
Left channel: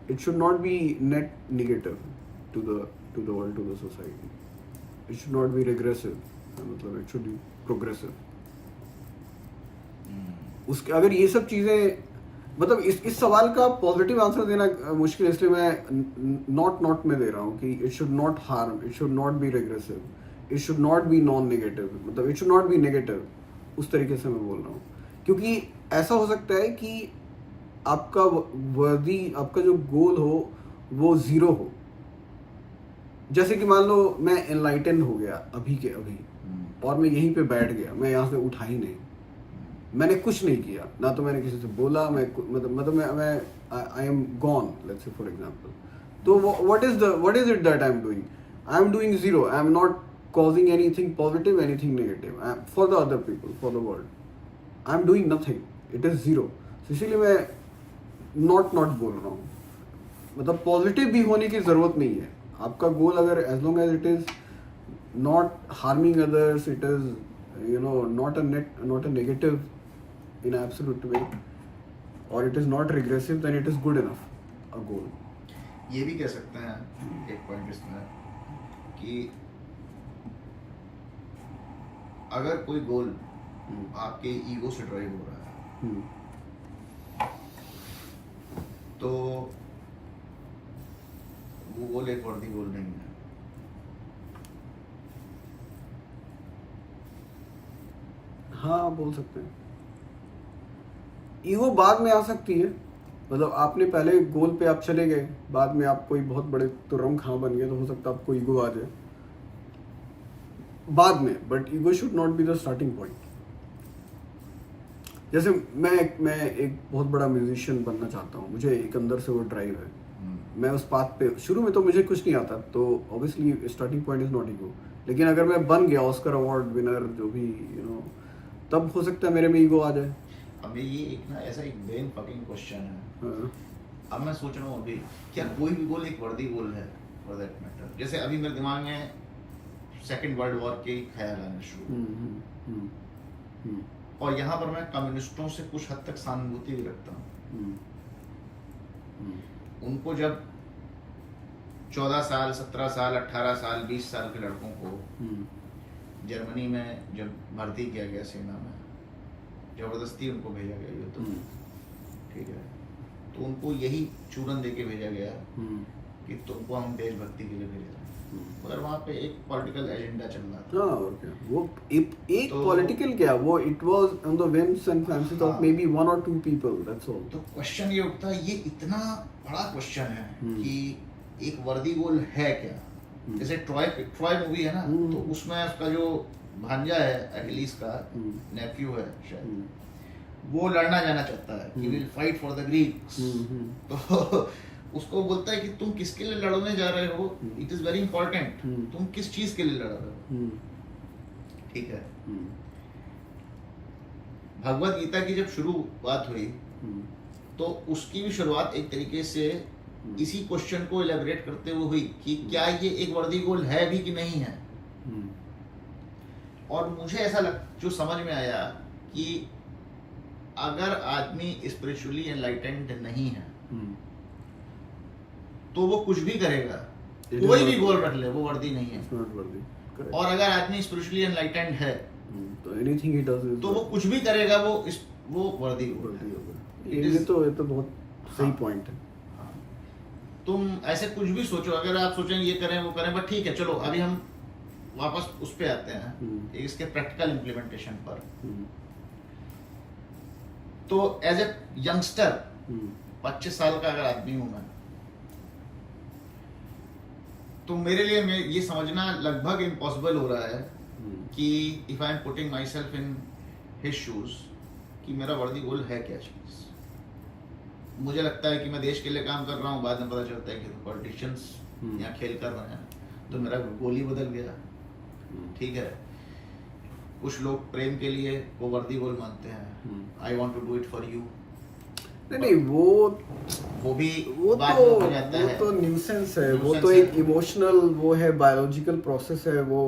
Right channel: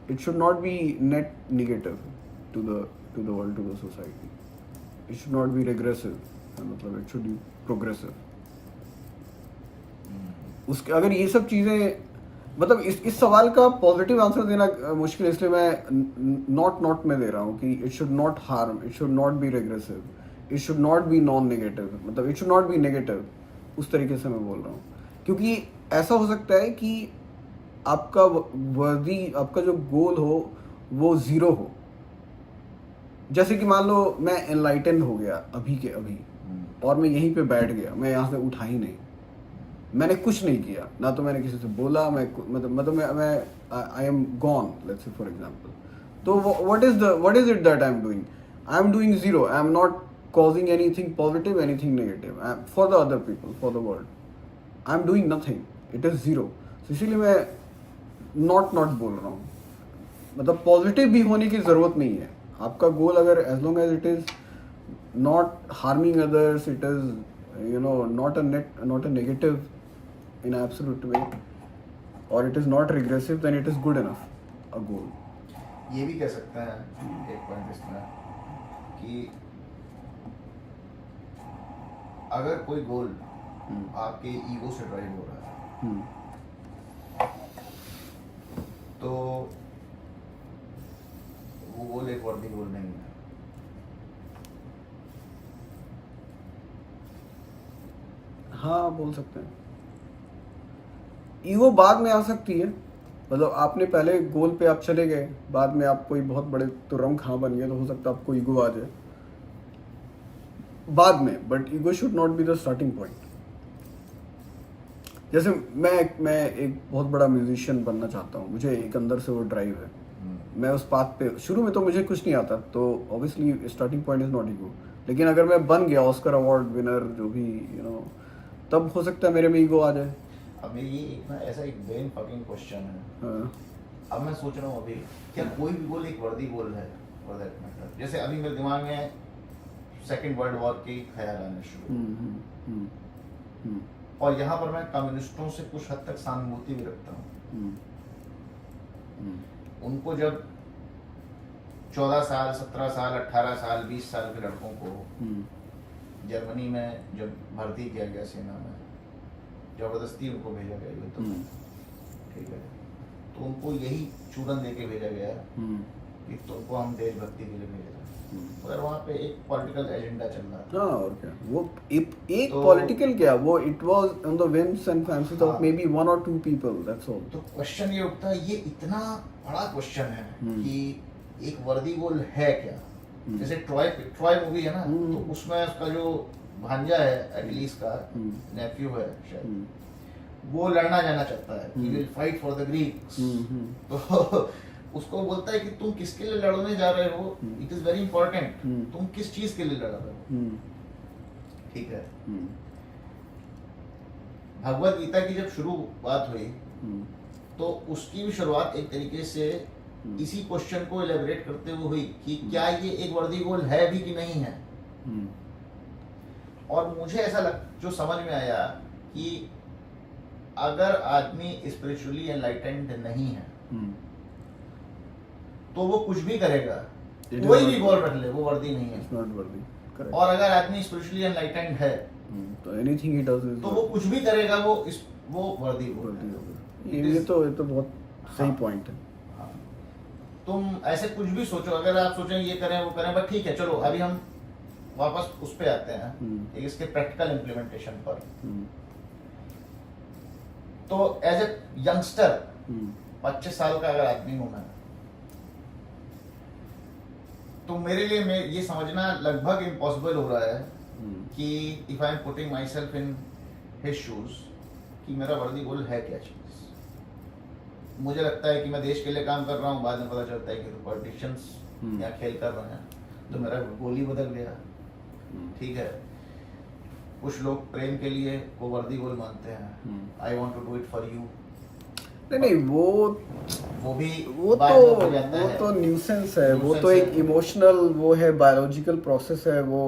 it should not be net negative to the world, to the society. It should not be regressive. मतलब it should be progressive. उसके अगर ये सब चीज़ें, मतलब इस सवाल का पॉजिटिव आंसर देना मुश्किल है, इसलिए मैं नॉट में दे रहा हूँ कि it should not harm, it should not be regressive, it should not be non negative, मतलब it should not be negative. उस तरीके से मैं बोल रहा हूँ, क्योंकि ऐसा हो सकता है कि आपका वर्दी, आपका जो गोल हो वो ज़ीरो हो। जैसे कि मान लो मैं एनलाइटन हो गया अभी के अभी, और मैं यहीं पे बैठ गया, मैं यहाँ से उठा ही नहीं, मैंने कुछ नहीं किया, ना तो मैंने किसी से बोला, मैं मतलब मैं I am gone, let's say for example. तो what is it that I am doing? I am doing zero. I am not causing anything positive, anything negative for the other people, for the world. I am doing nothing, it is zero. इसीलिए मैं not बोल रहा हूँ। मतलब positive भी होने की ज़रूरत नहीं है। आपका गोल अगर as long as it is not harming others, it is not a negative in absolute way, or it is not regressive, then it is good enough a goal. ये भी कह सकते हैं एक पॉइंट इसमें कि अगर कोई गोल आपके ईगो से ड्राइव हो रहा है तो वो गोल एक वर्दी गोल नहीं है। हाँ, बोल सकते हैं। ईगो बाद में आ सकती है, मतलब आपने पहले गोल पे आप चले गए, बाद में आप कोई बहुत बड़े तुरम खां बन गए, तो हो सकता है आपको ईगो आ जाए बाद में, but ego should not be the starting point. जैसे मैं एक बहुत बड़ा म्यूजिशियन बनना चाहता हूँ, मुझे एक अंदर से वो ड्राइव है, मैं उस पाथ पे, शुरू में तो मुझे कुछ नहीं आता, तो obviously starting point is not ego. लेकिन अगर मैं बन गया ऑस्कर अवार्ड विनर, जो भी तब हो सकता है मेरे में ईगो आ जाए। अभी ये एक ना ऐसा एक ब्रेन फकिंग क्वेश्चन है। हाँ। अब मैं सोच रहा हूँ अभी, क्या कोई भी गोल एक वर्दी गोल है फॉर दैट मैटर? जैसे अभी मेरे दिमाग में सेकंड वर्ल्ड वॉर के ख्याल आने शुरू, और यहाँ पर मैं कम्युनिस्टों से कुछ हद तक सहानुभूति भी रखता हूँ। उनको जब 14 साल 17 साल 18 साल 20 साल के लड़कों को जर्मनी में जब भर्ती किया गया सेना में, जबरदस्ती उनको भेजा गया युद्ध में, ठीक है, तो उनको यही चूरन दे के भेजा गया कि तुमको हम देशभक्ति के लिए भेज रहे हैं, मगर वहाँ पे एक पॉलिटिकल एजेंडा चल रहा था। हाँ, और क्या वो एक पॉलिटिकल क्या, वो it was on the whims and fancies of maybe 1 or 2 people, that's all. तो क्वेश्चन ये उठता है, ये इतना बड़ा क्वेश्चन है कि एक वर्दी गोल है क्या? जैसे ट्रॉय मूवी है ना, तो उसमें उसका जो भांजा है एकिलीस का नेफ्यू है शायद, वो लड़ना जाना चाहता है, he will fight for the Greeks, तो उसको बोलता है कि तुम किसके लिए लड़ने जा रहे हो, इट इज वेरी इंपॉर्टेंट, तुम किस चीज के लिए लड़ रहे हो, ठीक है। भगवत गीता की जब शुरुआत हुई तो उसकी भी शुरुआत एक तरीके से इसी क्वेश्चन को एलेबरेट करते हुए हुई कि क्या ये एक वर्दी गोल है भी कि नहीं है। और मुझे ऐसा जो समझ में आया कि अगर आदमी स्पिरिचुअली एनलाइटेंड नहीं है तो वो कुछ भी करेगा, कोई भी गोल रख ले, वो वर्दी नहीं है, Correct. और अगर आदमी स्पिरिचुअली एनलाइटेंड है तो एनीथिंग ही डज तो वो कुछ भी करेगा, वो वर्दी होगा। ये तो बहुत सही पॉइंट है। तुम ऐसे कुछ भी सोचो, अगर आप सोचें ये करें वो करें, बट ठीक है, चलो अभी हम वापस उस पे आते हैं इसके प्रैक्टिकल इम्प्लीमेंटेशन पर। तो एज ए यंगस्टर 25 साल का अगर आदमी हूं मैं, तो मेरे लिए मैं ये समझना लगभग इम्पॉसिबल हो रहा है कि if I am putting my self in his shoes कि मेरा वर्दी गोल है क्या चीज। मुझे लगता है कि मैं देश के लिए काम कर रहा हूँ, बाद में पता चलता है कि तो पॉलिटिशियंस यहाँ खेल कर रहे हैं, तो मेरा गोल ही बदल गया, ठीक है। कुछ लोग प्रेम के लिए वो वर्दी गोल मानते हैं, I want to do it for you. नहीं, वो तो न्यूसेंस है, वो तो एक इमोशनल वो है, बायोलॉजिकल प्रोसेस है वो,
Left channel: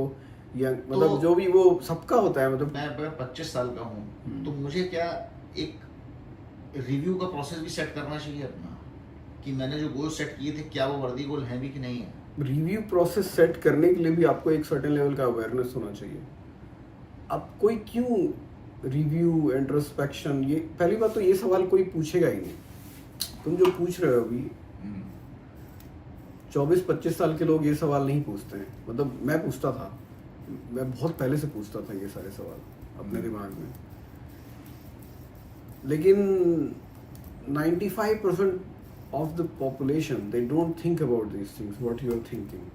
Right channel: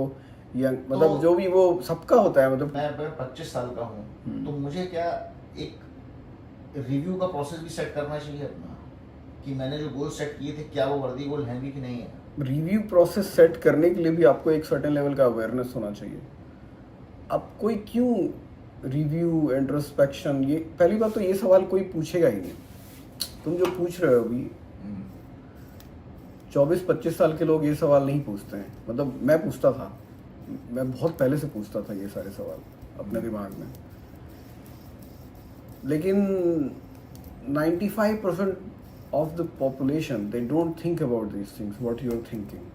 मतलब जो भी वो सबका होता है। मतलब मैं 25 साल का हूँ, तो मुझे क्या एक रिव्यू का प्रोसेस भी सेट करना चाहिए अपना, कि मैंने जो गोल सेट किए थे क्या वो वर्दी गोल हैं भी कि नहीं है। रिव्यू प्रोसेस सेट करने के लिए भी आपको एक सर्टेन लेवल का अवेयरनेस होना चाहिए। अब कोई क्यों रिव्यू इंट्रोस्पेक्शन, ये पहली बात तो ये सवाल कोई पूछेगा ही नहीं। तुम जो पूछ रहे हो अभी 24-25 साल के लोग ये सवाल नहीं पूछते हैं। मतलब मैं पूछता था, मैं बहुत पहले से पूछता था ये सारे सवाल अपने दिमाग में, लेकिन 95% of the population they don't think about these things what you are thinking.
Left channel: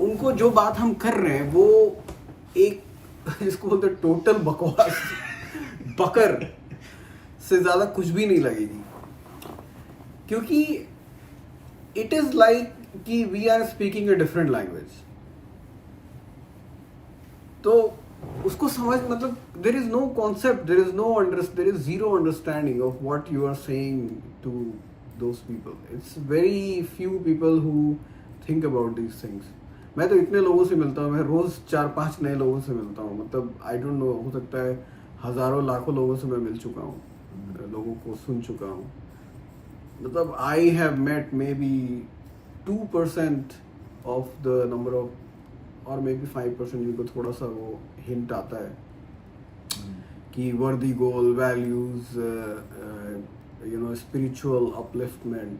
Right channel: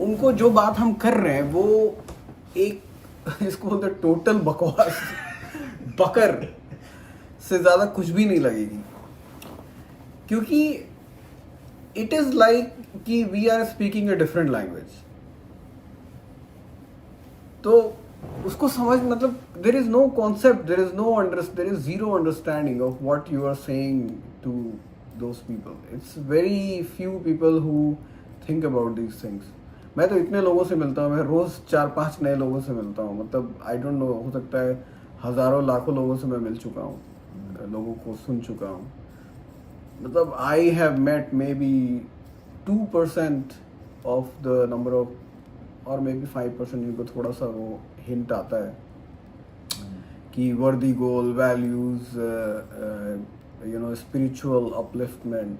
उनको जो बात हम कर रहे हैं वो एक इसको बोलते टोटल बकवास बकर से ज्यादा कुछ भी नहीं लगेगी, क्योंकि इट इज लाइक कि we are speaking a different language. तो उसको समझ, मतलब there is no concept, there is zero understanding of what you are saying to those people. It's very few people who think about these things. मैं तो इतने लोगों से मिलता हूँ, मैं रोज 4-5 नए लोगों से मिलता हूँ। मतलब आई डोंट नो, हो सकता है हजारों लाखों लोगों से मैं मिल चुका हूँ, लोगों को सुन चुका हूँ। मतलब I have met maybe 2% of the number of, और मे बी 5% जिनको थोड़ा सा वो हिंट आता है कि worthy goal, values, you know, spiritual upliftment.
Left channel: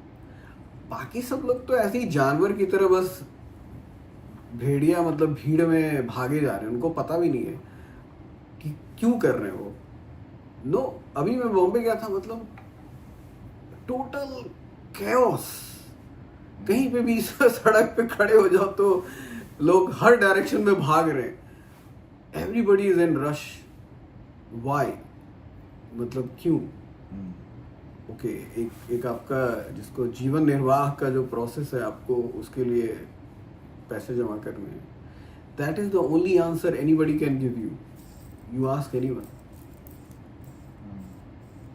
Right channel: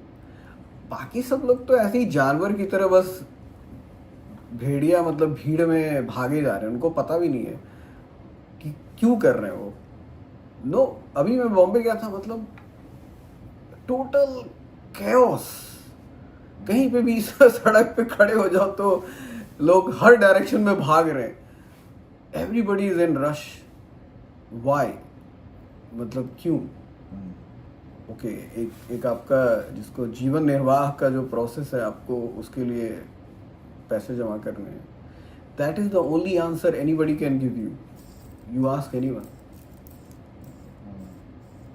बाकी सब लोग तो ऐसे ही जानवर की तरह बस भेड़िया, मतलब भीड़ में भागे जा रहे हैं, उनको पता भी नहीं है कि क्यों कर रहे हैं वो। नो, अभी मैं बॉम्बे गया था, मतलब टोटल कैओस। कहीं पे भी सड़क पे खड़े हो जाओ तो लोग हर डायरेक्शन में भाग रहे हैं, everybody is in rush. Why? मतलब क्यों? ओके, एक आपका जिसको जीवन निर्वाह का जो प्रोसेस है, आपको उसके लिए पैसे जमा करने हैं। That is the only answer anybody can give you. You ask anyone,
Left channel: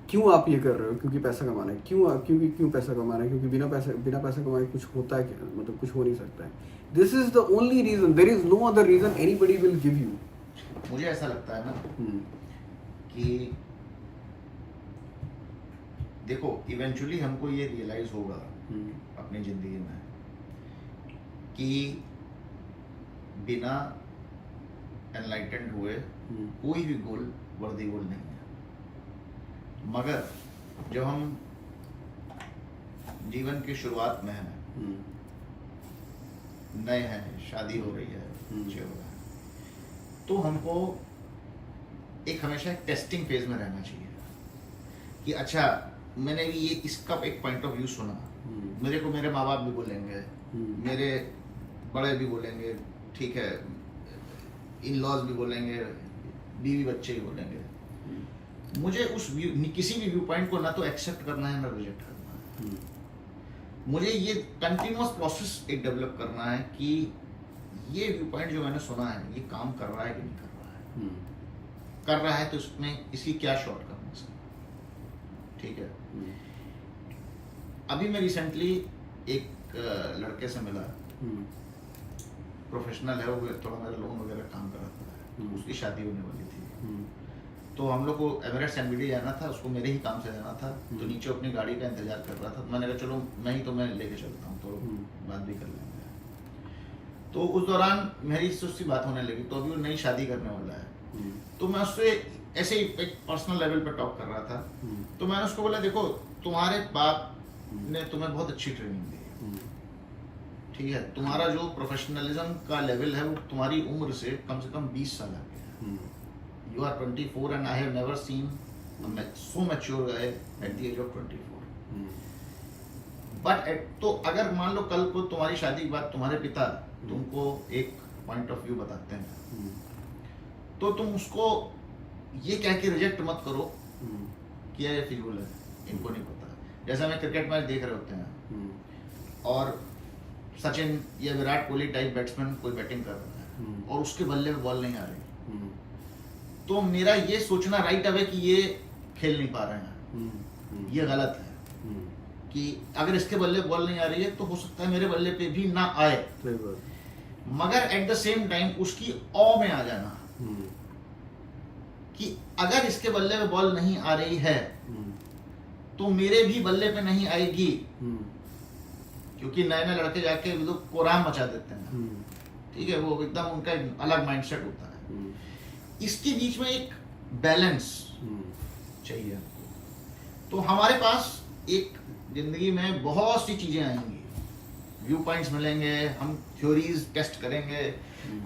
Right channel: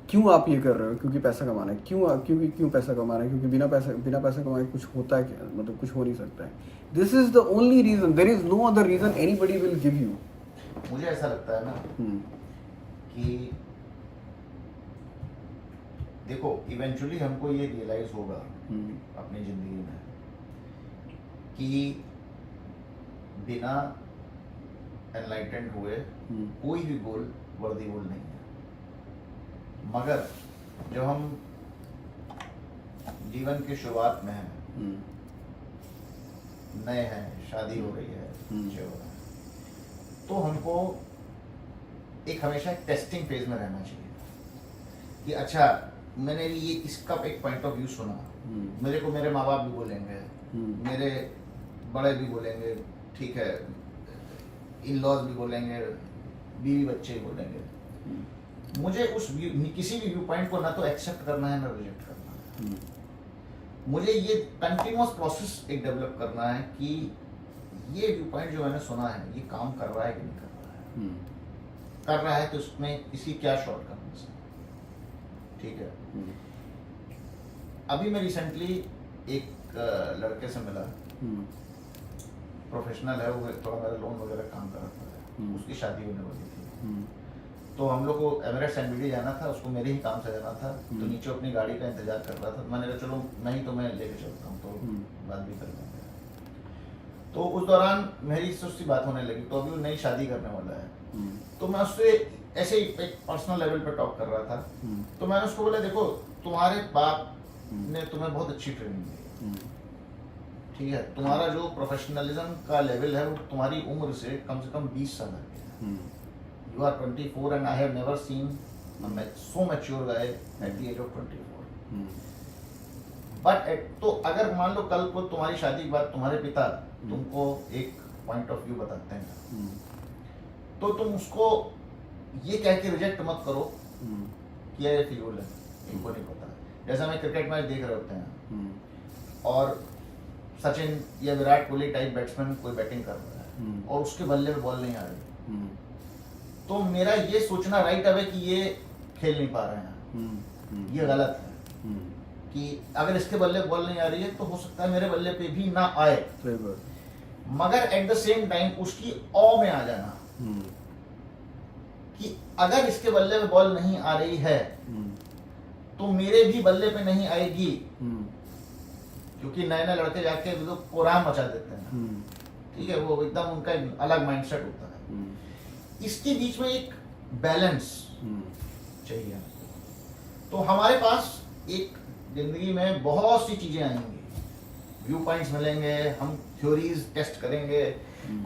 क्यों आप ये कर रहे हो? क्योंकि पैसा कमाना है। क्यों पैसा कमाना है? क्योंकि बिना पैसा कमाए कुछ होता है क्या? मतलब कुछ हो नहीं सकता है। This is the only reason, there is no other reason anybody will give you. मुझे ऐसा लगता है ना कि देखो इवेंचुअली हमको ये रियलाइज होगा अपनी जिंदगी में कि बिना एनलाइटेंड हुए कोई भी गोल वर्दी गोल नहीं है। मगर जब हम जीवन की शुरुआत में हैं, नए हैं, शादी हो रही है, बच्चे हो रहे हैं, तो हमको एक हमेशा एक टेस्टिंग फेज में रहना चाहिए कि अच्छा मैंने ये इसका एक पॉइंट ऑफ व्यू सुना, मेरे को मेरे माँ बाप भी बोलेंगे, मेरे बड़े भी बोलेंगे, ठीक है, इन लॉज भी बोलेंगे, बीवी बच्चे भी बोलेंगे, मुझे उस किसी भी व्यू पॉइंट को ना तो एक्सेप्ट करना है ना रिजेक्ट करना है। मुझे ये कंटिन्यूअस प्रोसेस एक डेवलप करना है कि ये व्यू पॉइंट जो मैंने सुना है ये काम कर रहा है कि नहीं कर रहा है। कर रहा है तो उसमें इसकी क्या शॉर्टकम्स है, ठीक है। अभी मैं रिसेंटली एक लड़के से मिला, प्रोफेशनल है वो, थोड़ा मेरा लोन वगैरह काम कराता है, उसकी शादी होने वाली थी, तो हम लोग को एमिरेट्स एनबीडी जाना था, उसको मेरे ही काम से जाना था, तो नीचे अपनी गाड़ी का इंतजार कर रहा था, मैंने कहा चलो नहीं तो मैं लेके चलता हूँ, तो बात भी कर लेंगे। तो उस दौरान मेरी उससे बात होने लगी, तो अभी वो नई शादी करने वाला है, तो मैं उससे ऐसे ही एक पर्सनल लेवल पर टॉक कर रहा था, तो मैंने उसको बोला देखो तुम्हारे बाप ने तुम्हें बहुत अच्छी ट्रेनिंग दी, ठीक है, तुम्हारा जो प्रोफेशनलिज्म का लेवल है वो तुम्हारी उम्र से कम 20 साल आगे है। You are 24 and I have never seen so mature guy at the age of 24. But तो अगर मान लो कल को तुम्हारी शादी के बाद तुम्हारे पिता तुमको एक पॉइंट ऑफ व्यू बताते हैं, तो तुम उसको ये कह के रिजेक्ट मत करो कि ये फिजूल है, इनको नहीं पता। जैसे हमें क्रिकेट मैच देख रहे होते हैं और सचिन या विराट कोहली टाइप बैट्समैन कोई बैटिंग कर रहा है और उसके बल्ले में बॉल नहीं आ रही, तो मेरा ये सोचना राइट अवे कि ये खेल नहीं पा रहे हैं, ये गलत है कि अगर इसके बल्ले बॉल नहीं आ रही है तो हो सकता है मेरे बल्ले पे भी ना आए, मगर एट द सेम टाइम उसकी ऑ में आ जाना कि अगर इसके बल्ले पे बॉल नहीं आ रही है तो मेरे भी बल्ले पे नहीं आएगी, क्योंकि नए नए लड़के जाके लोग कोराम मचा देते हैं, ठीक है, वो एकदम उनका अलग माइंडसेट होता है। इसके बीच में एक बैलेंस चाहिए। तो हमारे पास एक जिंदगी में बहुत सी चीजें आएंगी, व्यू पॉइंट्स मिलेंगे, हम थ्योरीज टेस्ट करेंगे,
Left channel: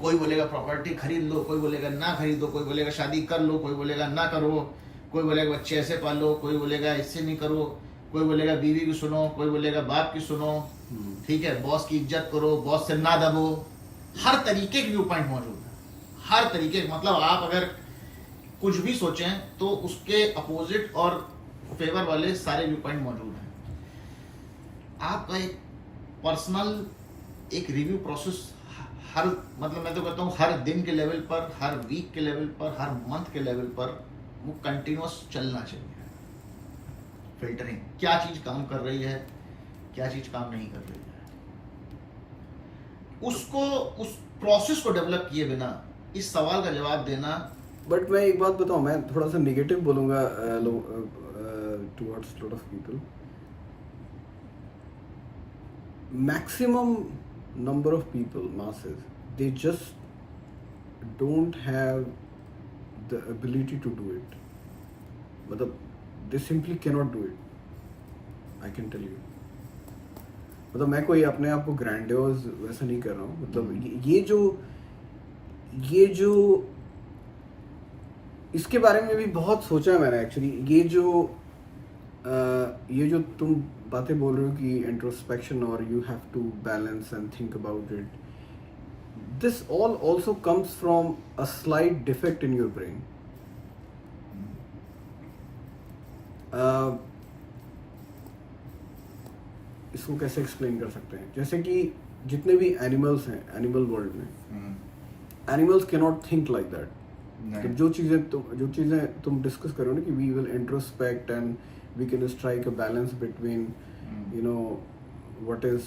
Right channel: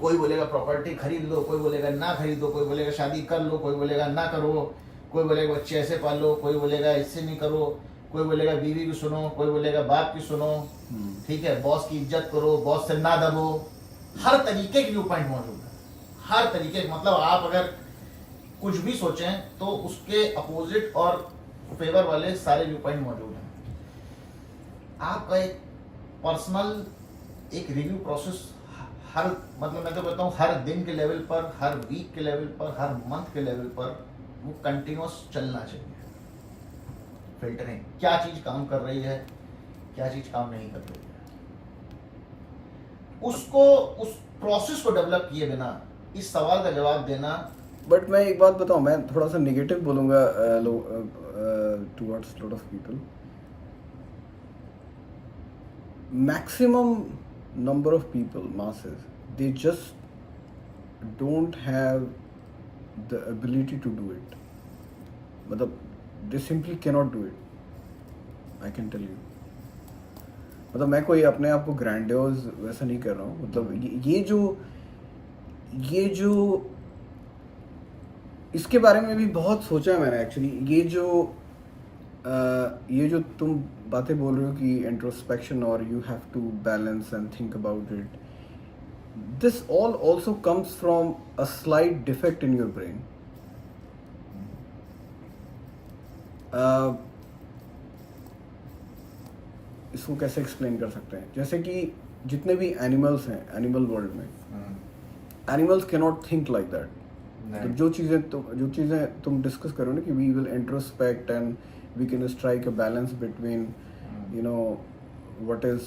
कोई बोलेगा प्रॉपर्टी खरीद लो, कोई बोलेगा ना खरीदो, कोई बोलेगा शादी कर लो, कोई बोलेगा ना करो, कोई बोलेगा बच्चे ऐसे पालो, कोई बोलेगा इससे नहीं करो, कोई बोलेगा बीवी की सुनो, कोई बोलेगा बाप की सुनो, ठीक है, बॉस की इज्जत करो, बॉस से ना दबो। हर तरीके के व्यू पॉइंट मौजूद है, हर तरीके, मतलब आप अगर कुछ भी सोचें तो उसके अपोजिट और फेवर वाले सारे व्यू पॉइंट मौजूद हैं। आपका एक पर्सनल एक रिव्यू प्रोसेस हर, मतलब मैं तो कहता हूँ हर दिन के लेवल पर, हर वीक के लेवल पर, हर मंथ के लेवल पर वो कंटिन्यूअस चलना चाहिए। फिल्टरिंग, क्या चीज काम कर रही है, क्या चीज काम नहीं कर रही है, उसको उस प्रोसेस को डेवलप किए बिना इस सवाल का जवाब देना। बट मैं एक बात बताऊं, मैं थोड़ा सा नेगेटिव बोलूंगा towards lot of people. Maximum number of people, masses, they just don't have the ability to do it. मतलब they simply cannot do it. I can tell you. मतलब मैं कोई अपने आप को ग्रैंडियोज वैसा नहीं कर रहा हूँ, मतलब ये जो इसके बारे में भी बहुत सोचा है मैंने एक्चुअली। ये जो तुम बातें बोल रहे हो कि इंट्रोस्पेक्शन और you have to balance and think about it, this all also comes from a slight defect in your brain. इसको कैसे एक्सप्लेन कर सकते हैं, जैसे कि जितने भी एनिमल्स हैं एनिमल वर्ल्ड में, animals can not think like that. तो जो चीज़ें तुम डिस्कस करो ना कि we will introspect and we can strike a balance between you know what is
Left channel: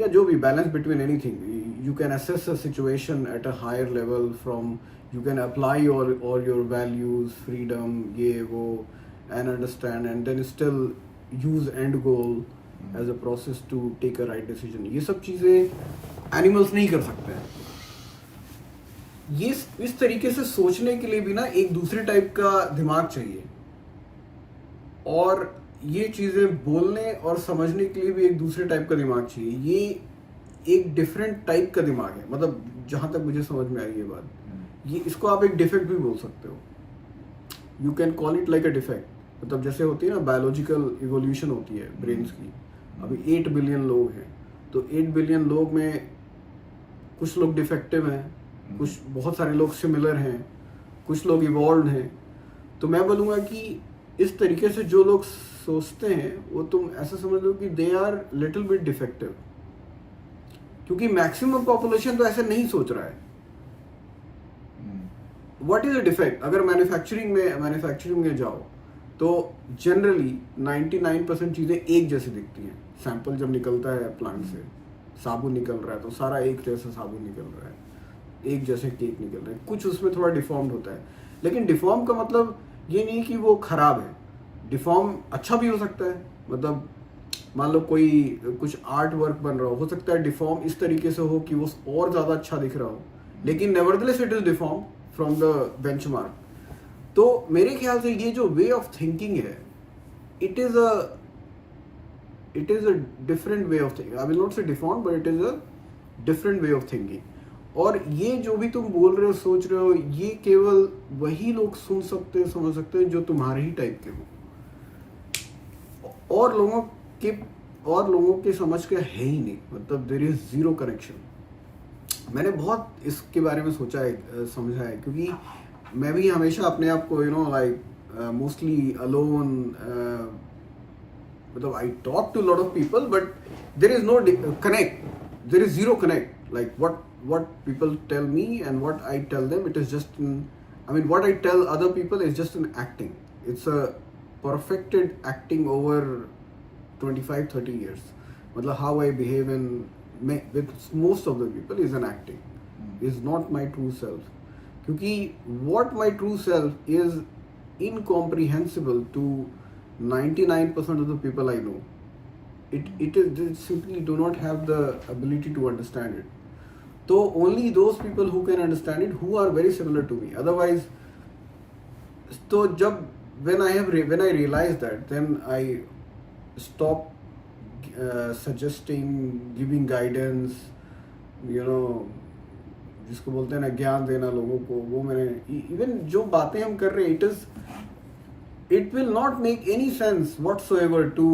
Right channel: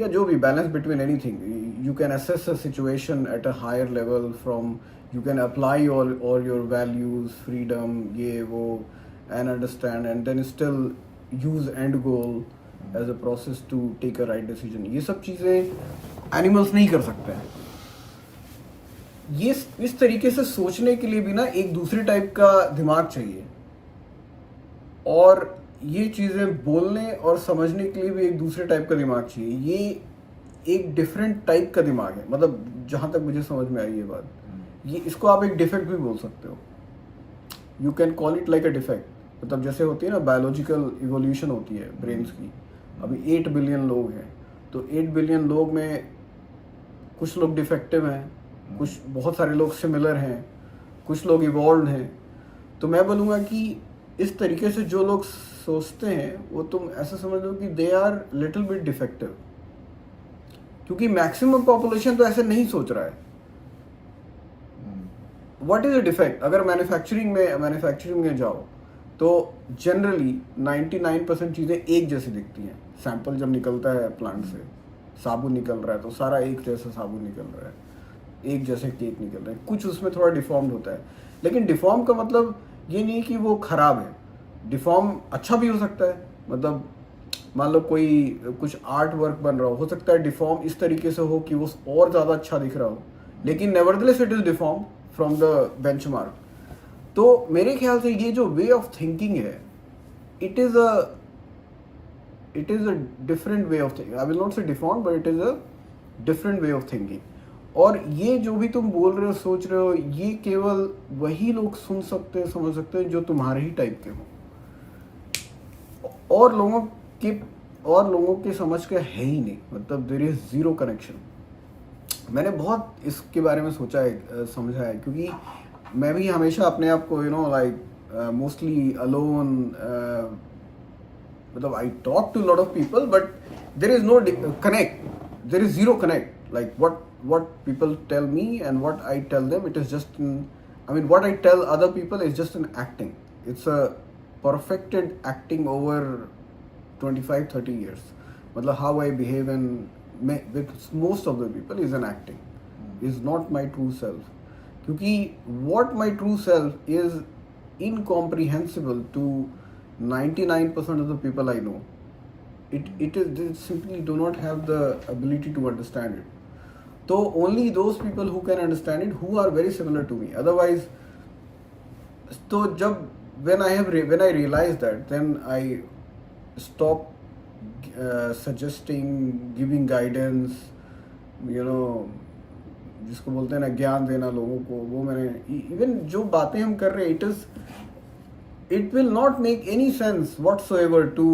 या जो भी balance between anything, you can assess a situation at a higher level from, you can apply all your values, freedom, ये वो, and understand and then still use end goal as a process to take a right decision. ये सब चीज़ें animals नहीं कर सकते हैं. ये इस तरीके से सोचने के लिए भी ना एक दूसरे टाइप का दिमाग चाहिए, और ये चीज़ें बोलने और समझने के लिए भी एक दूसरे टाइप का दिमाग चाहिए. ये एक डिफरेंट टाइप का दिमाग है, मतलब जहाँ तक मुझे समझ में आई ये बात. ये इसको आप एक डिफेक्ट भी बोल सकते हो. You can call it like a defect. मतलब जैसे होती है ना बायोलॉजिकल इवोल्यूशन होती है ब्रेन्स की. अभी 8 बिलियन लोग हैं, तो 8 बिलियन लोग में कुछ लोग डिफेक्टिव हैं, कुछ बहुत सारे लोग सिमिलर हैं, कुछ लोग इवॉल्व हैं. तो मैं बोलूँगा कि इस तरीके से जो लोग सोचते हैं वो तुम ऐसा समझ लो कि they are little bit defective, क्योंकि मैक्सिमम पॉपुलेशन तो ऐसे नहीं सोच रहा है. What is a defect? अगर मैन्युफैक्चरिंग में जाओ तो जनरली 99% चीज़ें एक जैसी दिखती हैं. सैंपल जब निकलता है प्लांट से, साबुन निकल रहा है तो सारा एक जैसा साबुन निकल रहा है, एक जैसे केक निकल रहे हैं. कुछ उसमें थोड़ा डिफॉर्म्ड होता है, लेकिन डिफॉर्म का मतलब ये नहीं कि वो खराब है. डिफॉर्म अच्छा भी हो सकता है. मतलब मान लो कोई कुछ आर्ट वर्क बन रहा हो सकता है डिफॉर्म इस तरीके से हो कि वो और ज़्यादा अच्छा दिख रहा हो, लेकिन nevertheless it is deform from the benchmark. तो मेरे ख्याल से ये जो वे ऑफ थिंकिंग है, it is a different way of thinking. I will not say deform, but it is a different way of thinking. और ये जो भी तुम बोल रहे हो, सोच रहे हो, ये केवल वही लोग सुन सकते हैं, समझ सकते हैं जो तुम्हारे ही टाइप के हो. और लोगों के समझ का है ही नहीं. मतलब देयर इज जीरो कनेक्शन. मैंने बहुत इसके बारे में सोचा है, समझा है, क्योंकि मैं भी हमेशा अपने आप को लाइक मोस्टली अलोन, मतलब I talk to lot of people but there is no connect. There is zero connect. Like what people tell me and what I tell them, it is just what I tell other people is just an acting. It's a perfected acting over 25-30 years. मतलब how I behave with most of the people is an acting, is not my true self. क्योंकि what my true self is incomprehensible to 99% of the people I know. They simply do not have the ability to understand it. So only those people who can understand it, who are very similar to me. Otherwise, so when I realized that, then I stopped suggesting, giving guidance, जिसको बोलते हैं ना ज्ञान देना लोगों को. वो मैंने इवन जो बातें हम कर रहे हैं, it will not make any sense whatsoever to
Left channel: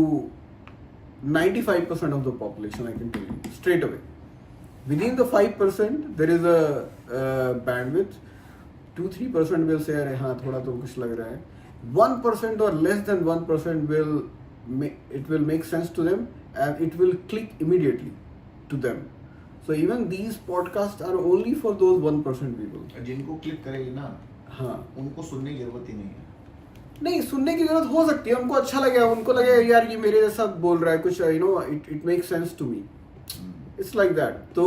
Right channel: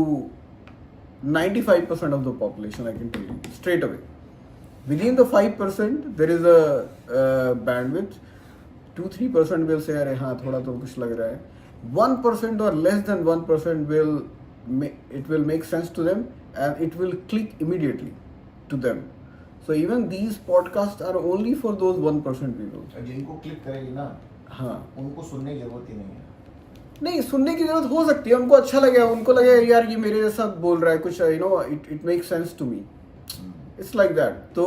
95% of the population. I can tell you straight away. Within the 5% there is a bandwidth. 2-3% will say अरे हाँ थोड़ा तो कुछ लग रहा है. 1% or less than 1% will make sense to them and it will click immediately to them. So even these podcasts are only for those 1% people. जिनको click करेगी ना, हाँ, उनको सुनने की जरूरत ही नहीं है. नहीं, सुनने की जरूरत हो सकती है. उनको अच्छा लगेगा, उनको लगेगा यार ये मेरे जैसा बोल रहा है कुछ, it makes sense to me. It's like that. तो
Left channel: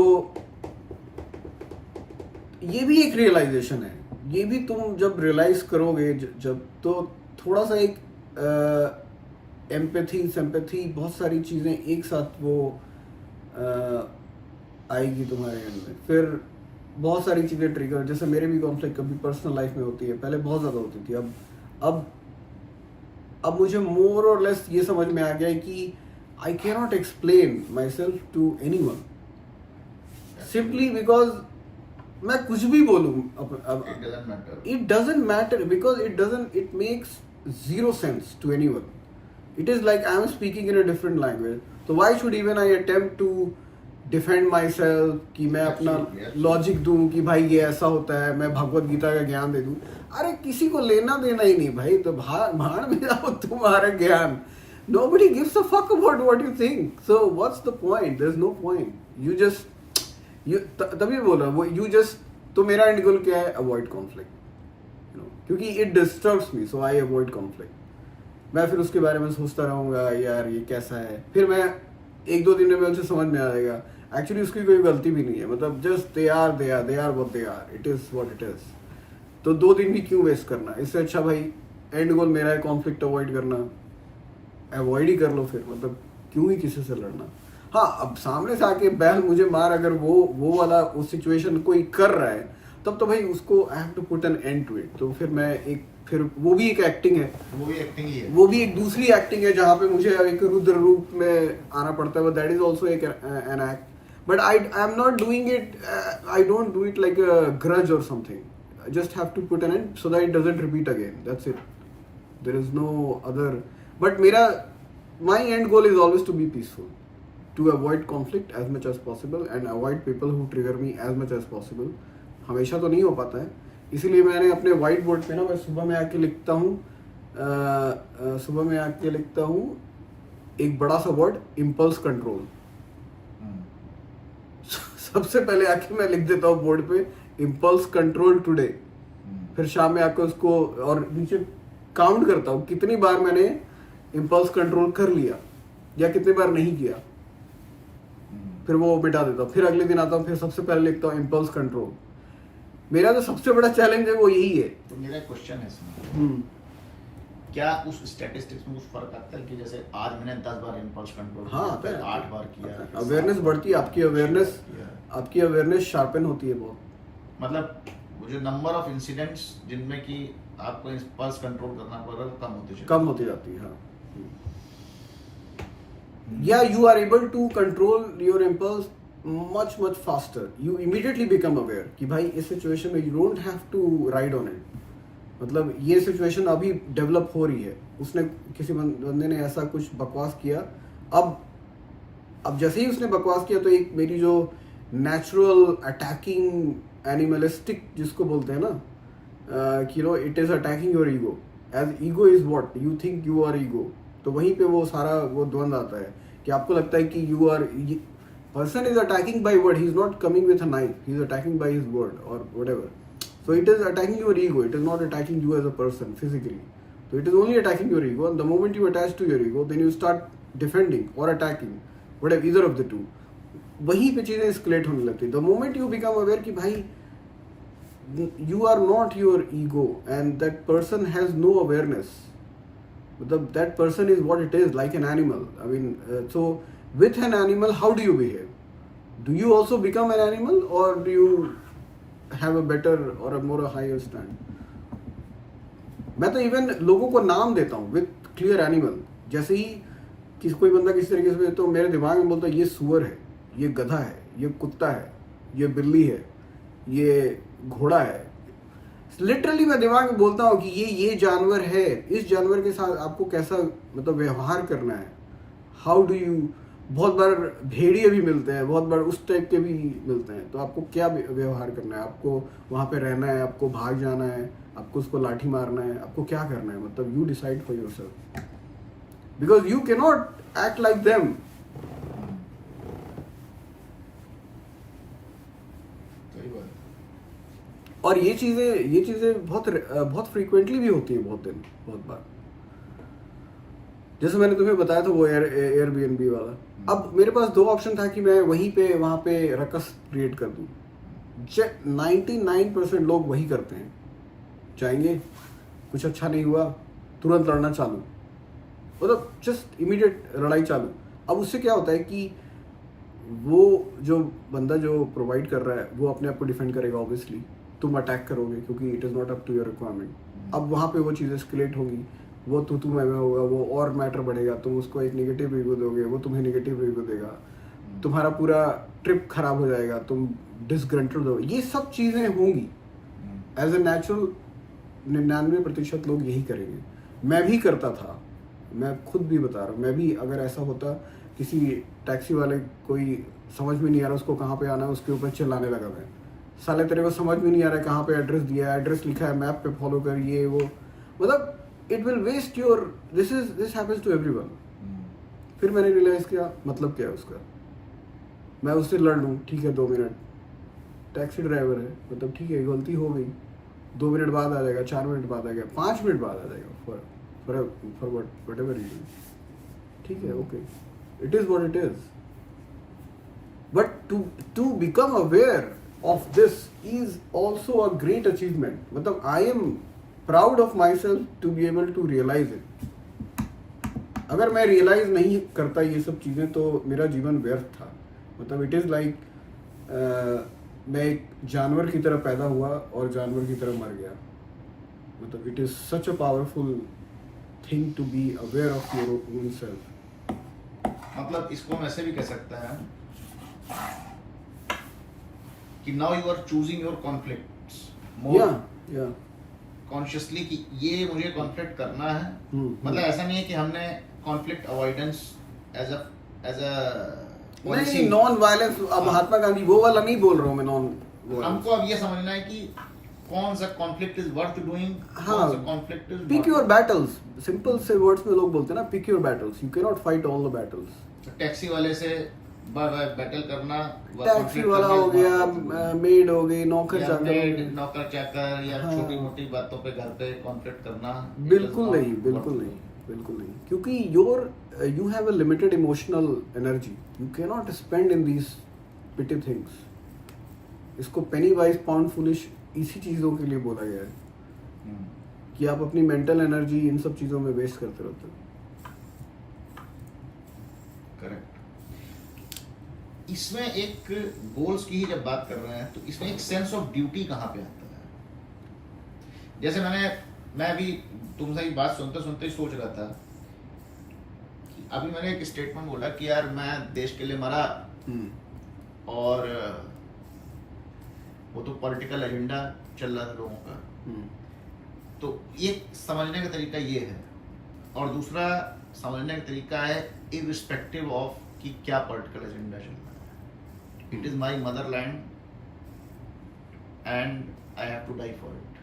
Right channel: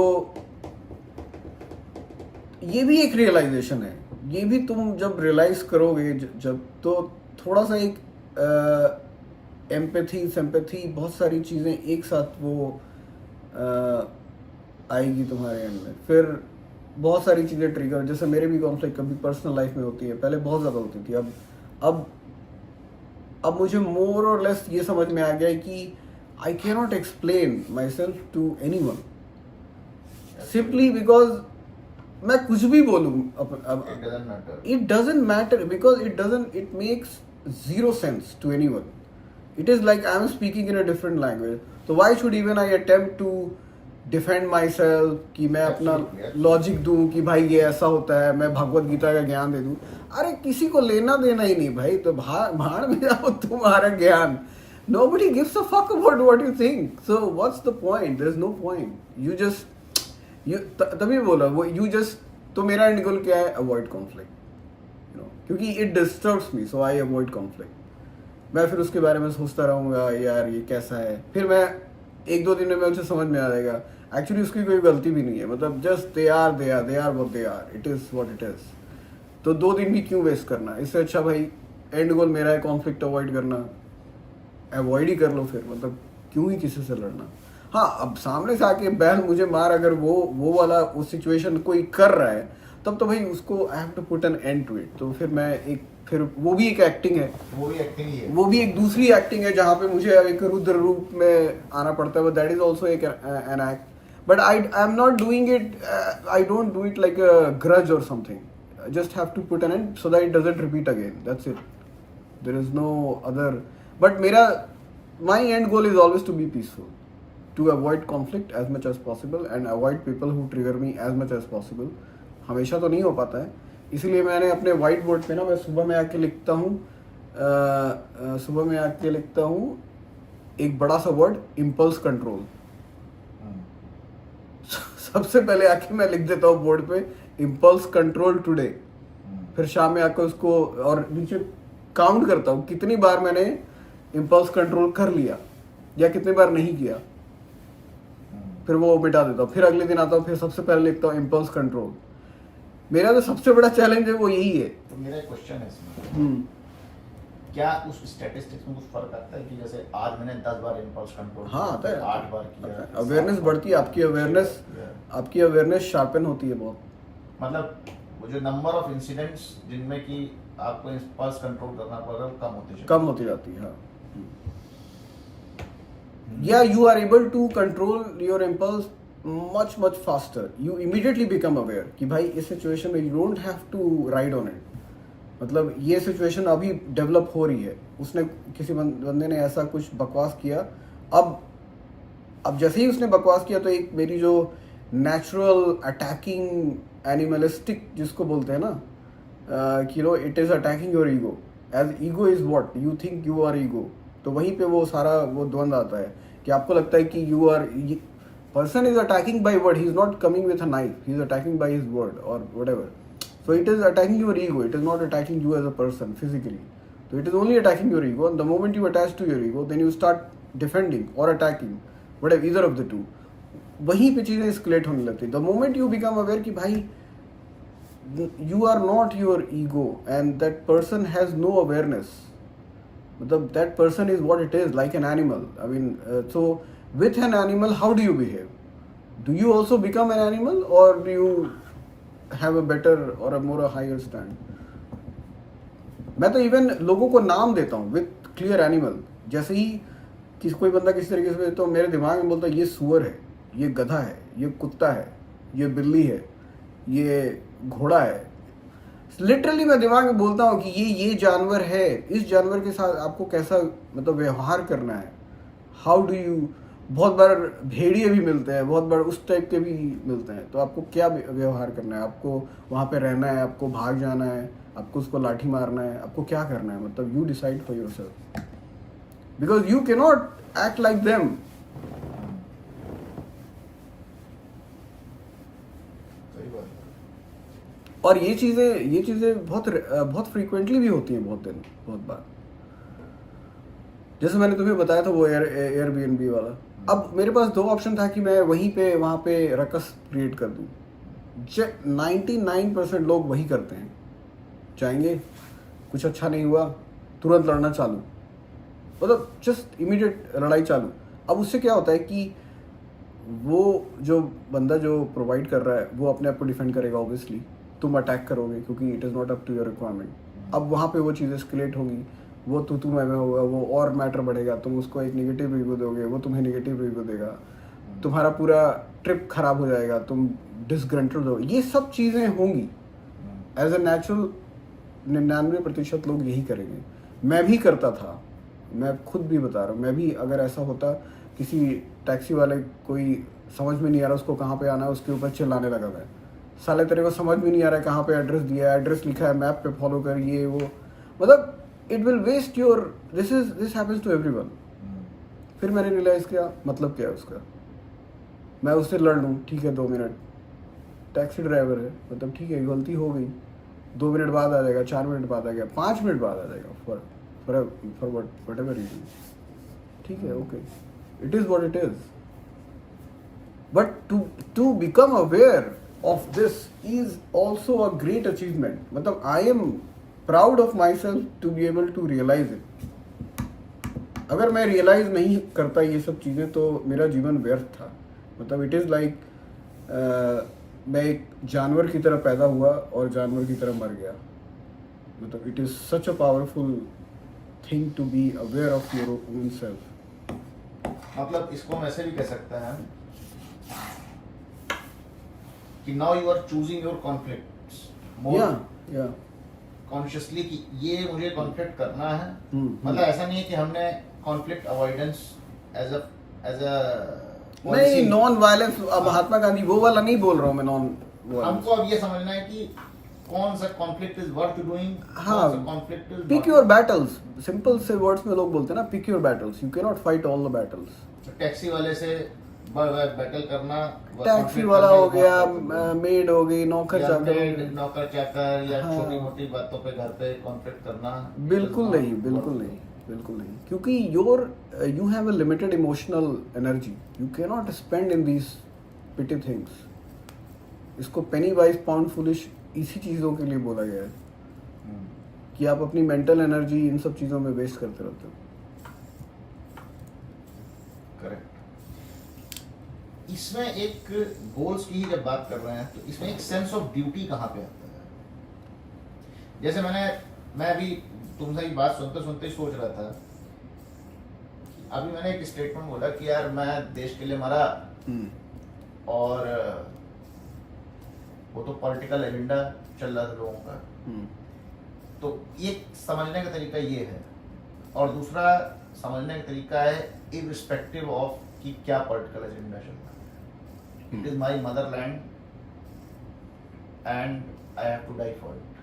ये भी एक रियलाइजेशन है. ये भी तुम जब रियलाइज करोगे, जब तो थोड़ा सा एक एम्पैथी, सिंपैथी, बहुत सारी चीज़ें एक साथ वो आएगी तुम्हारे अंदर. फिर बहुत सारी चीज़ें ट्रिगर, जैसे मेरे भी कॉन्फ्लिक्ट कभी पर्सनल लाइफ में होती है. पहले बहुत ज़्यादा होती थी. अब मुझे मोर और लेस ये समझ में आ गया है कि I cannot explain myself to anyone simply because मैं कुछ भी बोलूँ. It doesn't matter because it makes zero sense to anyone. It is like I am speaking in a different language. So why should even I attempt to defend myself कि मैं अपना logic दूं कि भाई ये ऐसा होता है, मैं भगवत गीता का ज्ञान दे दूं. अरे किसी को लेना देना ही नहीं भाई. तो भाड़ में जाओ तुम्हारा ज्ञान. Nobody gives a fuck about what you think. So what's the point? There's no point. तभी बोला वो तो मेरा एंड गोल क्या है? Avoid conflict. क्योंकि it disturbs me, so I avoid conflict. मैं फिर उसके बारे में सोचता रहूंगा यार ये कैसा है. फिर मैं 1-2 दिन में उसे समझ में आ जाएगा एक्चुअली उसकी कोई गलती भी नहीं है. मतलब just they are what they are. It is what it is. तो 2 दिन भी क्यों वेस्ट करना. इससे अच्छा भाई एंड गोल मेरा है कॉन्फ्लिक्ट अवॉइड करना, अवॉइड ही कर लो फिर, मतलब क्यों ही किसी से लड़ना। हाँ, अब सामने से आके बैल मुझे मार, अगर वो वाला उस सिचुएशन कोई कर रहा है तब तो भाई उसको I have to put an end to it. तो फिर वो भी एक एक्टिंग है, वो भी एक्टिंग ही है, वो भी एक दूसरी एक्टिंग है जहाँ पे मुझे एक रुद्र रूप में आना पड़ता है, दैट इज ऑल्सो एक an act. But I am not doing it, I don't do it like a grudge और something, just have to put an end so that it doesn't repeat again, that's it, there is no other, but my end goal is always to be peaceful, to avoid conflict as much as possible and avoid people who trigger me as much as possible। हमेशा तो नहीं हो पाता है, इसलिए मैंने अपने white board पे ना, मैं सुबह में आके लिखता हूँ एक बड़ा सा वर्ड, इम्पल्स कंट्रोल। सबसे पहले आके मैं लिख देता हूँ बोर्ड पे इम्पल्स कंट्रोल टुडे, फिर शाम में आकर उसको और नीचे काउंट करता हूँ कितनी बार मैंने इम्पल्स कंट्रोल कर लिया या कितनी बार नहीं किया, फिर वो मिटा देता हूँ। फिर अगले दिन आता हूँ, फिर सबसे पहले लिखता हूँ इम्पल्स कंट्रोल। मेरा जो सबसे बड़ा चैलेंज है वो यही है। तो मेरा एक क्वेश्चन है इसमें, क्या उस स्टैटिस्टिक्स में कुछ फर्क आता है कि जैसे आज मैंने 10 बार इम्पल्स कंट्रोल हाँ आता है, 8 बार किया, अवेयरनेस बढ़ती है, आपकी अवेयरनेस शार्पन होती है बहुत। मतलब वो जो नंबर ऑफ इंसिडेंट्स जिनमें कि आपको इम्पल्स कंट्रोल करना पड़ेगा कम होती जाती है। हाँ, या you are able to control your impulse much faster, you immediately become aware कि भाई इस सिचुएशन में you don't have to ride on it, मतलब ये सिचुएशन अभी डेवलप हो रही है, उसने किसी बंदे ने ऐसा कुछ बकवास किया, अब जैसे ही उसने बकवास किया तो एक मेरी जो नेचुरल अटैकिंग एनिमलिस्टिक जिसको बोलते हैं ना, कि no it is attacking your ego, as ego is what you think you are ego. तो वहीं पे वो सारा वो द्वंद आता है कि आपको लगता है कि you are, person is attacking by word, he is not coming with a knife, he is attacking by his word or whatever, so it is attacking your ego, it is not attacking you as a person physically, so it is only attacking your ego, and the moment you attach to your ego then you start defending or attacking, whatever, either of the two, वहीं पे चीजें escalate होने लगती है। the moment you become aware कि भाई you are not your ego and that person has no awareness, मतलब that person is what it is, like an animal, I mean so with an animal how do you behave? Do you also become an animal or do you have a better or a more higher stand? मैं तो even लोगों को नाम देता हूँ with clear animal, जैसे ही कोई बंदा किसी तरीके से तो मेरे दिमाग में बोलता है ये सुअर है, ये गधा है, ये कुत्ता है, ये बिल्ली है, ये घोड़ा है, लिटरली मैं दिमाग में बोलता हूँ कि ये जानवर है, इस जानवर के साथ आपको कैसा मतलब व्यवहार करना है, हाउ डू यू। बहुत बार भेड़िए भी मिलते हैं, बहुत बार उस टाइप के भी मिलते हैं, तो आपको क्या व्यवहार करना है, आपको वहाँ पे रहना है, आपको भाग जाना है, आपको उसको लाठी मारना है, आपको क्या करना है, मतलब you decide for yourself, because you can not act like them. और ये चीजें बहुत फ्रीक्वेंटली भी होती हैं, बहुत बार, जैसे मैंने तुम्हें बताया था वो एयरबीएनबी वाला। अब मेरे पास दो ऑप्शन था कि मैं वहाँ पे रकस क्रिएट कर दूँ। 99% लोग वही करते हैं, जाएंगे, कुछ अच्छा नहीं हुआ, तुरंत लड़ना चालू, मतलब जस्ट इमीडिएट लड़ाई चालू। अब उससे क्या होता है कि वो जो बंदा जो प्रोवाइड कर रहा है वो अपने आप को डिफेंड करेगा, ऑब्वियसली तुम अटैक करोगे क्योंकि it is not up to your requirement. अब वहाँ पे वो चीज़ एस्केलेट होगी, वो तू मैं होगा, वो और मैटर बढ़ेगा, तुम उसको एक नेगेटिव रिव्यू दोगे, वो तुम्हें नेगेटिव रिव्यू देगा, तुम्हारा पूरा ट्रिप खराब हो जाएगा, तुम डिसग्रंटेड हो, ये सब चीज़ें होंगी। एज ए नेचुरल 99% लोग यही करेंगे। मैं भी करता था, मैं खुद भी बता रहा हूँ, मैं भी अगर ऐसा होता, किसी टैक्सी वाले कोई समझ में नहीं आ रहा उसको कहाँ पे आना है, उसके ऊपर चिल्लाने लगा मैं, साले तेरे को समझ में नहीं आ रहा है कहाँ पे एड्रेस दिया है, एड्रेस लिखा है मैप पे, फॉलो कर, ये वो, मतलब it will waste your, this happens to everyone. फिर मैंने रियलाइज किया मतलब क्या है उसका, मैं उससे लड़ लूँ, ठीक है 2 मिनट, टैक्सी ड्राइवर है, मतलब ठीक है गलती हो गई, 2 मिनट बाद आ जाएगा, 4 मिनट बाद आ गया, 5 मिनट बाद आ जाएगा, फॉर व्हाटएवर रीजन, ठीक है, okay, it is what it is. But to become aware of this is also a great achievement. मतलब I am proud of myself to be able to realize it. अगर मैं realise नहीं करता ये सब चीज़ें तो मेरा जीवन व्यर्थ था. मतलब इट इज़ लाइक मैं एक जानवर की तरह पैदा हुआ और जानवर की तरह मर गया. मतलब it is such a powerful thing to be aware of your own self. मतलब इसको हम ऐसे भी कह सकते हैं कि now you are choosing your conflicts या कॉन्शियसली कि ये मुझे कॉन्फ्लिक्ट करना है. मतलब ऐसा नहीं है कि हमने कॉन्फ्लिक्ट अवॉइडेंस एज अ नहीं, नॉन वायलेंस. अब महात्मा गांधी वो वाला नहीं बोल रहा हूँ मैं. नॉन वायलेंस हमको अब ये समझना है कि कौन सा कॉन्फ्लिक्ट इज वर्थ डूइंग, हाँ, कौन सा conflict is pick your battles. Simple से वर्ड्स में लोग बोलते हैं ना, pick your battles. You can not fight all the battles. Taxi वाले से बैटल करना, टैक्सी वाला हो गया, मेड हो गई, नौकर चाकर हो गए. नौकर चाकर या हाँ. छोटी मोटी बातों पे घर पे कॉन्फ्लिक्ट करना बिल्कुल नहीं, बिल्कुल नहीं, बिल्कुल नहीं. क्योंकि you have a limited emotional energy. You can not spend in these petty things. इसको पेनी वाइज पाउंड फुलिश इसी चीज़ों के लिए बोला गया है कि आप अपनी मेंटल एनर्जी इन सब चीज़ों में वेस्ट करते रहते हो. करेक्ट. इसमें एक गोल्स की ही जब बात कर रहे हैं तो इसमें एक सेंस ऑफ ड्यूटी कहाँ पे आता है? जैसे मैं अभी तुमसे ये बात सुनते सुनते ही सोच रहा था कि अभी मैंने एक स्टेटमेंट बोला कि यार मैं देश के लिए मरा और वो तो पॉलिटिकल एजेंडा चल रहा था लोगों का. तो एक समझने का तरीका ये है और दूसरा समझने का तरीका है इररिस्पेक्टिव ऑफ कि क्या पॉलिटिकल एजेंडा चल रहा है. It is my motherland and I have to die for it.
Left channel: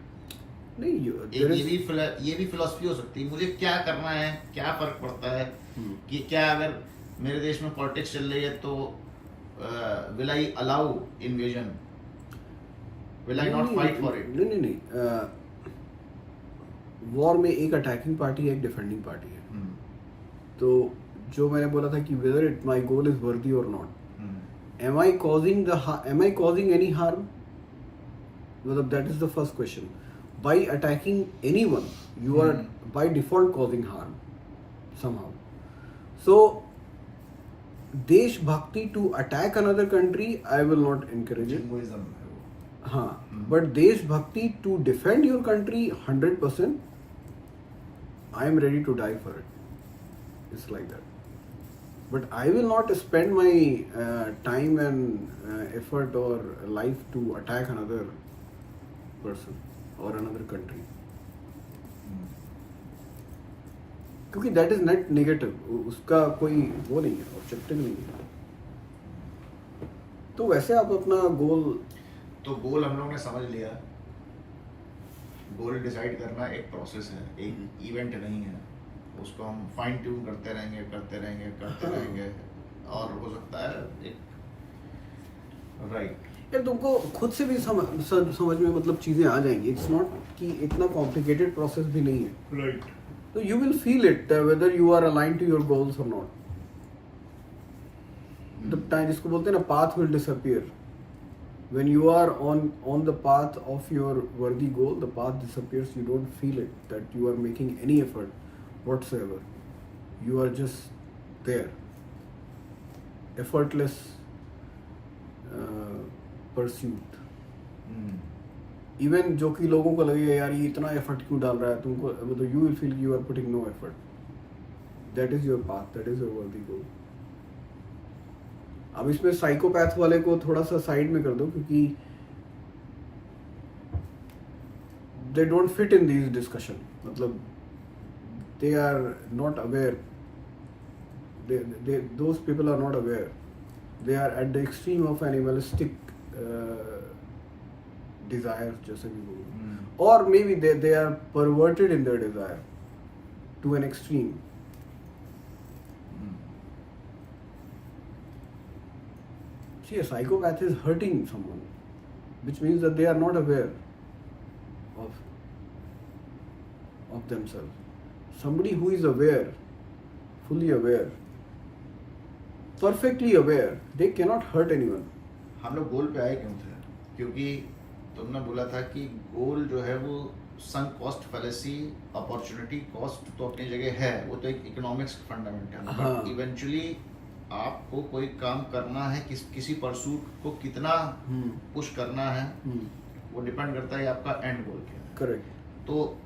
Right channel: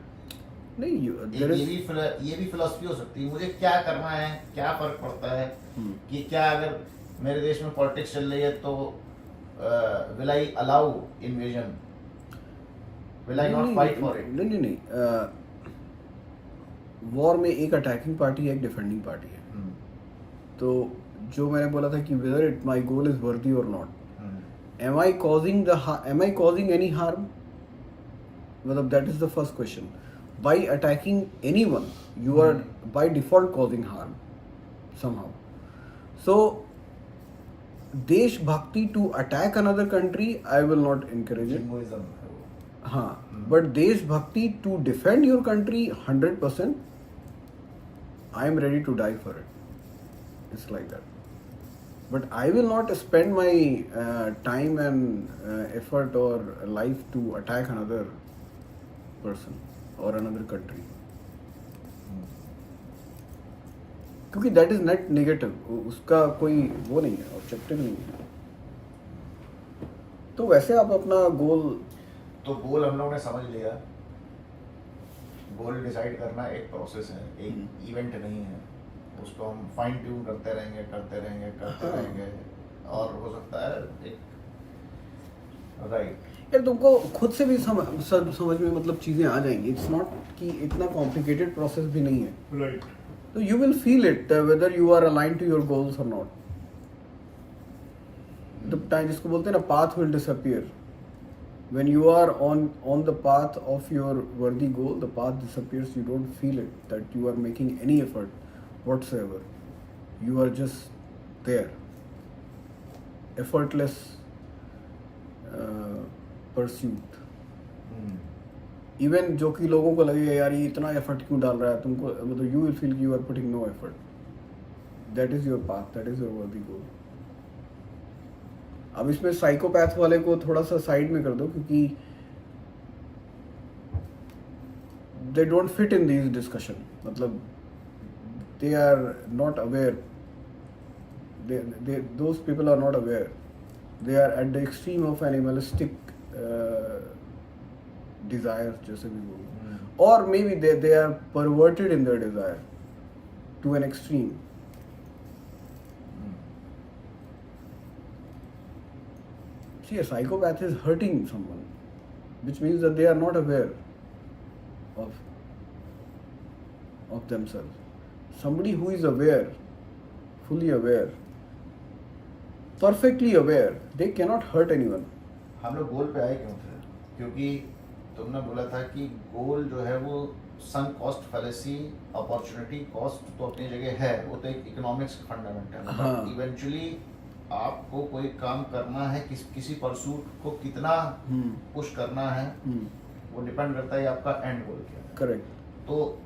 नहीं, ये भी फिलॉसफी हो सकती है. मुझे क्या करना है, क्या फर्क पड़ता है कि क्या अगर मेरे देश में पॉलिटिक्स चल रही है तो will I allow invasion, will I not fight for it? नहीं. वॉर में एक अटैकिंग पार्टी है, एक डिफेंडिंग पार्टी है. तो जो मैंने बोला था कि whether it my goal is वर्दी और not, am I causing any harm? मतलब that is the first question. By attacking anyone, you are by default causing harm somehow. So देशभक्ति to attack another country, I will not encourage it. Jingoism. हाँ, but देशभक्ति to defend your country 100%, I am ready to die for it. It's like that. But I will not spend my time and effort or life to attack another person or another country. क्योंकि that is net negative. उसका कोई वो नहीं है, objective नहीं है. तो वैसे आप अपना गोल, तो गोल हम लोगों ने समझ लिया. गोल डिसाइड करना एक प्रोसेस है, एक इवेंट नहीं है. उसको हम फाइन ट्यून करते रहेंगे और हो सकता है एक राइट. यार तुमको खुद से भी समझ में मतलब चीज़ें आ जाएंगी. इट्स नॉट कि इतना कॉम्प्लिकेटेड प्रोसेस भी नहीं है. राइट. तो you will feel it whether you are align to your goals और नॉट. द टाइम जिसको बोलते हैं ना, path will disappear. When you are on the path of your worthy goal, the path disappears. You don't feel it that you are making any effort whatsoever. You are just there, effortless pursuit. Even जो कि लोगों को लगेगा यार ये इतना effort क्यों डाल रहा है, तुमको मतलब you will feel you are putting no effort. That is your path. That is your worthy goal. अब इसमें साइकोपैथ वाले को थोड़ा सा साइड में कर दो क्योंकि they don't fit in this discussion. मतलब they are not aware. Those people are not aware. They are at the extreme of animalistic desires, जैसे भी बोलो. Or maybe they are perverted in their desire to an extreme. See, a psychopath is hurting someone, which means that they are not aware of themselves. Somebody who is aware, fully aware, perfectly aware, they cannot hurt anyone. हम लोग गोल पे आए क्यों थे? क्योंकि तुमने बोला था कि गोल जो है वो सम कॉस्ट फैलेसी, अपॉर्चुनिटी कॉस्ट तो अपनी जगह है, वो तो एक इकोनॉमिक्स फंडामेंटल है, हाँ। बट इवेंचुअली आपको कोई काम करना है, किसी परसूट को कितना पुश करना है, वो डिपेंड करता है आपका एंड गोल क्या है। करेक्ट। तो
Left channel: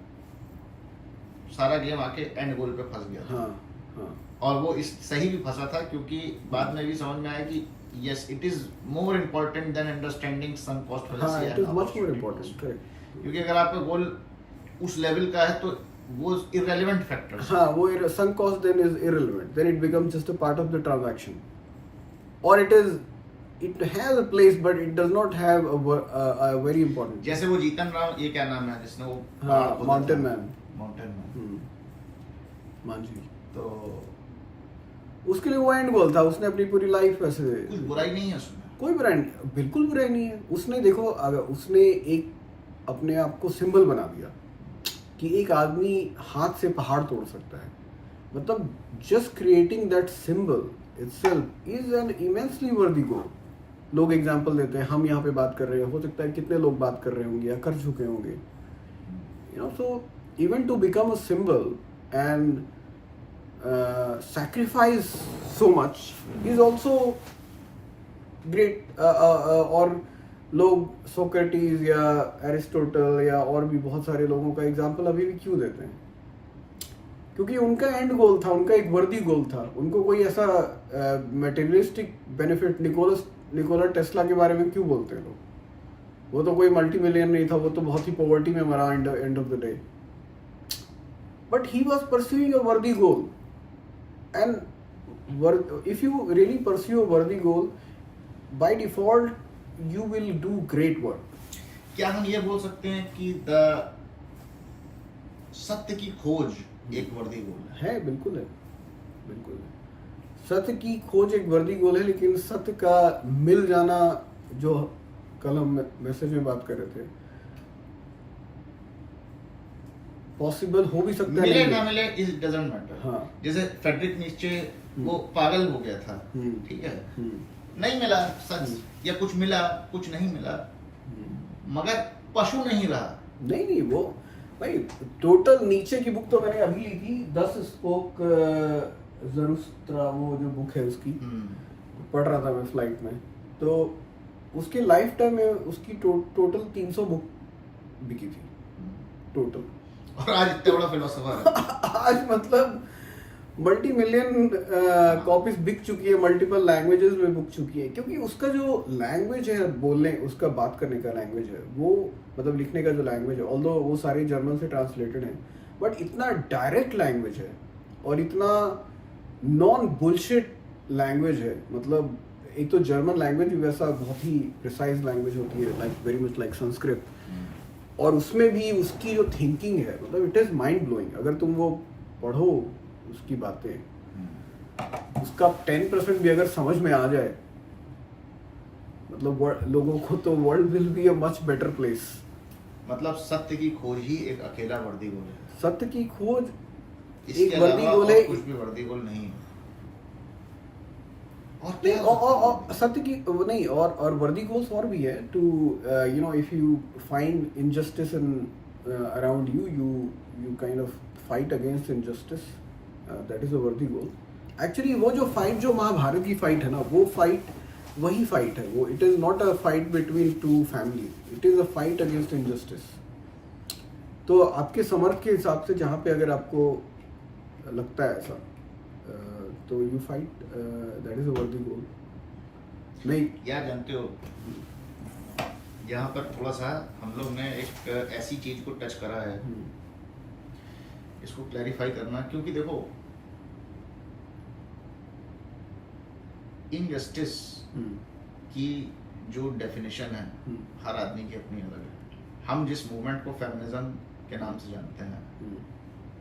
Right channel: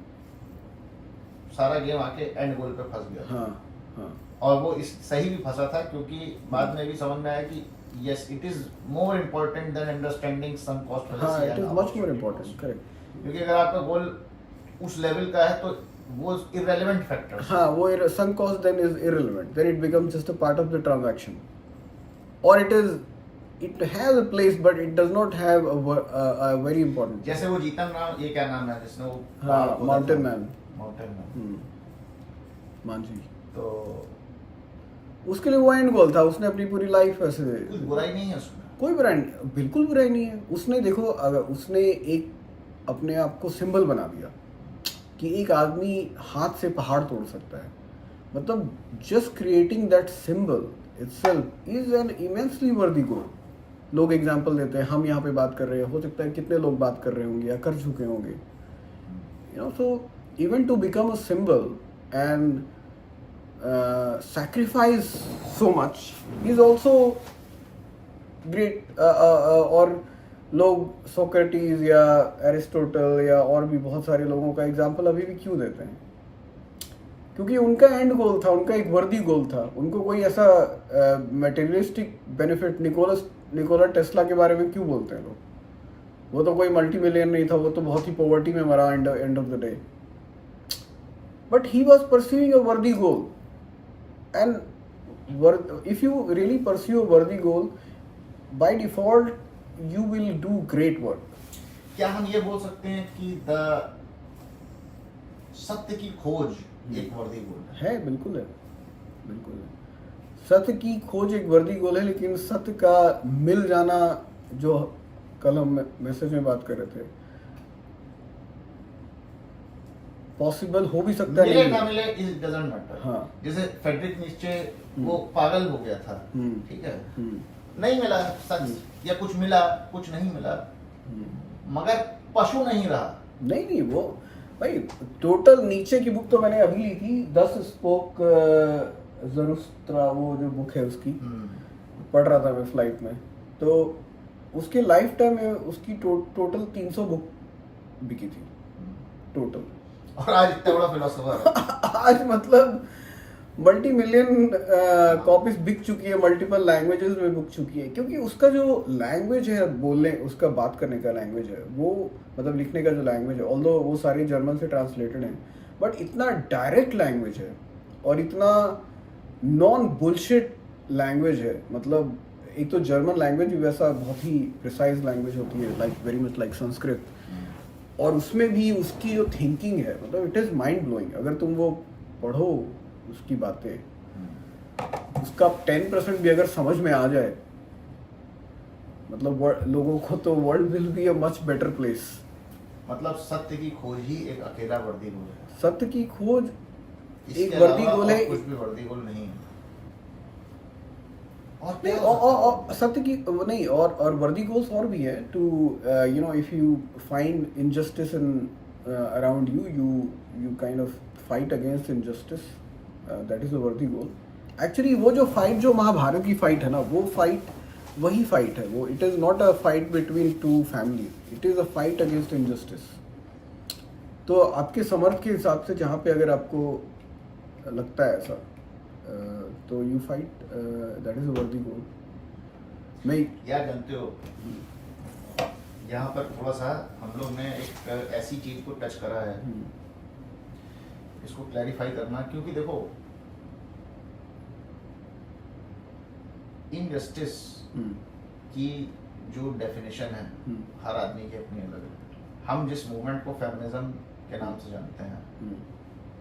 सारा गेम आके एंड गोल पे फंस गया था। हाँ हाँ और वो इस सही भी फंसा था, क्योंकि बाद में भी समझ में आया कि yes it is more important than understanding some cost हाँ, fallacy it and is much more opportunity important. Cost. Correct. क्योंकि अगर आपका गोल उस लेवल का है तो वो इररेलेवेंट फैक्टर। हाँ, वो sunk cost then is irrelevant. Then it becomes just a part of the transaction, or it has a place, but it does not have a very important. जैसे वो जीतन राम, ये क्या नाम है जिसने वो हाँ, Mountain Man. Mountain man, Manjhi. तो उसके लिए वो एंड गोल था, उसने अपनी पूरी लाइफ ऐसे। कुछ बुराई नहीं है उसमें। कोई बुराई नहीं, बिल्कुल बुराई नहीं है। उसने देखो, अगर उसने एक अपने आप को सिंबल बना दिया कि एक आदमी हाथ से पहाड़ तोड़ सकता है, मतलब just creating that symbol itself is an immensely वर्दी गोल। लोग एग्जांपल देते हैं, हम यहाँ पे बात कर रहे हैं, हो सकता है कितने लोग बात कर रहे होंगे या कर चुके होंगे, you know. So even to become a symbol and sacrifice so much is also great. और लोग सोक्रेटिस या एरिस्टोटल या और भी बहुत सारे लोगों का एग्जाम्पल अभी भी क्यों देते हैं? क्योंकि उनका एंड गोल था, उनका एक वर्दी गोल था। उनको कोई ऐसा मटेरियलिस्टिक बेनिफिट, निकोला टेस्ला के बारे में क्यों बोलते हैं लोग? वो तो कोई मल्टी मिलियन नहीं था, वो तो बहुत ही पॉवर्टी में मरा end of the day, but he was pursuing a worthy goal. And if you really pursue a worthy goal, by default you will do great work. क्या हम ये बोल सकते हैं कि सत्य की खोज एक वर्दी गोल है? बिल्कुल है, बिल्कुल है। सत्य की खोज एक वर्दी गोल है, लेकिन सत्य का मिल जाना, जो कल हम मैसेज में बात कर रहे थे, पॉसिबल हो भी सकता है, मिले नहीं ना मिले इट डजंट मैटर। हाँ। जैसे फेडरिक नीचे वो पागल हो गया था, ठीक है, नहीं मिला सच, या कुछ मिला, कुछ नहीं मिला, मगर पशु नहीं रहा। नहीं, वो भाई टोटल नीचे की बुक तो मैंने अभी ली थी, 10 स्पोक ज़रूस्त्रा, वो जो बुक है उसकी पढ़ रहा था मैं फ्लाइट में, तो उसके लाइफ टाइम में उसकी टोटल 300 बुक बिकी थी टोटल। और आज इतना बड़ा फिलोसोफर आज मतलब मल्टी मिलियन कॉपीज बिक चुकी है, मल्टीपल लैंग्वेजेस में बिक चुकी है, क्योंकि उसका जो लैंग्वेज है बोलने, उसका बात करने का लैंग्वेज है, वो मतलब लिखने का जो लैंग्वेज है, ऑल्दो वो सारी जर्मन से ट्रांसलेटेड है, बट इतना डायरेक्ट लैंग्वेज है और इतना नॉन बुलशिट लैंग्वेज है। मतलब एक तो जर्मन लैंग्वेज भी वैसा बहुत ही प्रिसाइज लैंग्वेज होती है, like very much like Sanskrit, और उसमें भी उसकी जो थिंकिंग है, मतलब इट इज़ माइंड ब्लोइंग। अगर तुम वो पढ़ो उसकी बातें, उसका 10% भी अगर समझ में आ जाए, मतलब लोगों को, तो world will be a much better place. मतलब सत्य की खोज ही एक अकेला वर्दी गोल है। सत्य की खोज इसके एक वर्दी अलावा गोल और है, कुछ भी वर्दी गोल नहीं है। और नहीं, क्या हो सकता है? और सत्य की वो नहीं, और वर्दी गोल्स और भी है, to you know, if you find injustice in around you, you kind of fight against injustice, that is a worthy goal. Actually वो जो फाइट, जो महाभारत की फाइट है ना, वो फाइट वही फाइट है वो। It is not a fight between two families, it is a fight against injustice. तो आपके समर्थ के हिसाब से जहाँ पे अगर आपको लगता है ऐसा, तो you fight, that is a worthy गोल। नहीं, यार जानते हो, यहाँ पर थोड़ा सा हम लोग ने एक ऐसी चीज को टच करा है, इसको क्लैरिफाई करना, क्योंकि देखो इनजस्टिस की जो डेफिनेशन है हर आदमी की अपनी अलग है। हम जिस मूवमेंट को फेमिनिज्म के नाम से जानते हैं,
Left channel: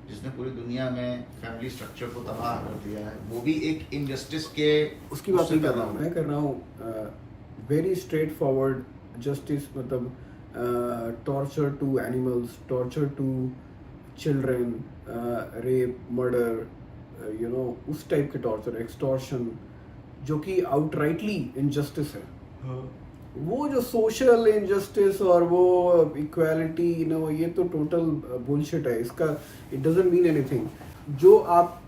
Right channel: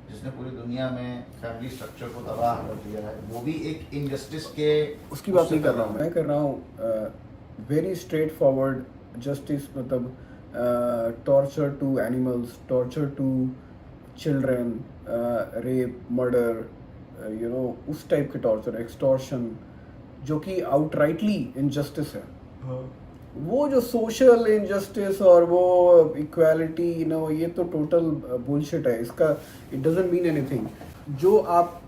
जिसने पूरी दुनिया में फैमिली स्ट्रक्चर को तबाह कर दिया है, वो भी एक इनजस्टिस के, उसकी बात नहीं कर रहा हूँ मैं, कर रहा हूँ वेरी स्ट्रेट फॉरवर्ड जस्टिस, मतलब torture to animals, torture to children, rape, murder, you know, उस टाइप के टॉर्चर, एक्सटॉर्शन, जो कि आउटराइटली इनजस्टिस है। वो जो सोशल इंजस्टिस और वो इक्वालिटी ये तो टोटल बुलशिट है इसका. It doesn't mean anything. जो आप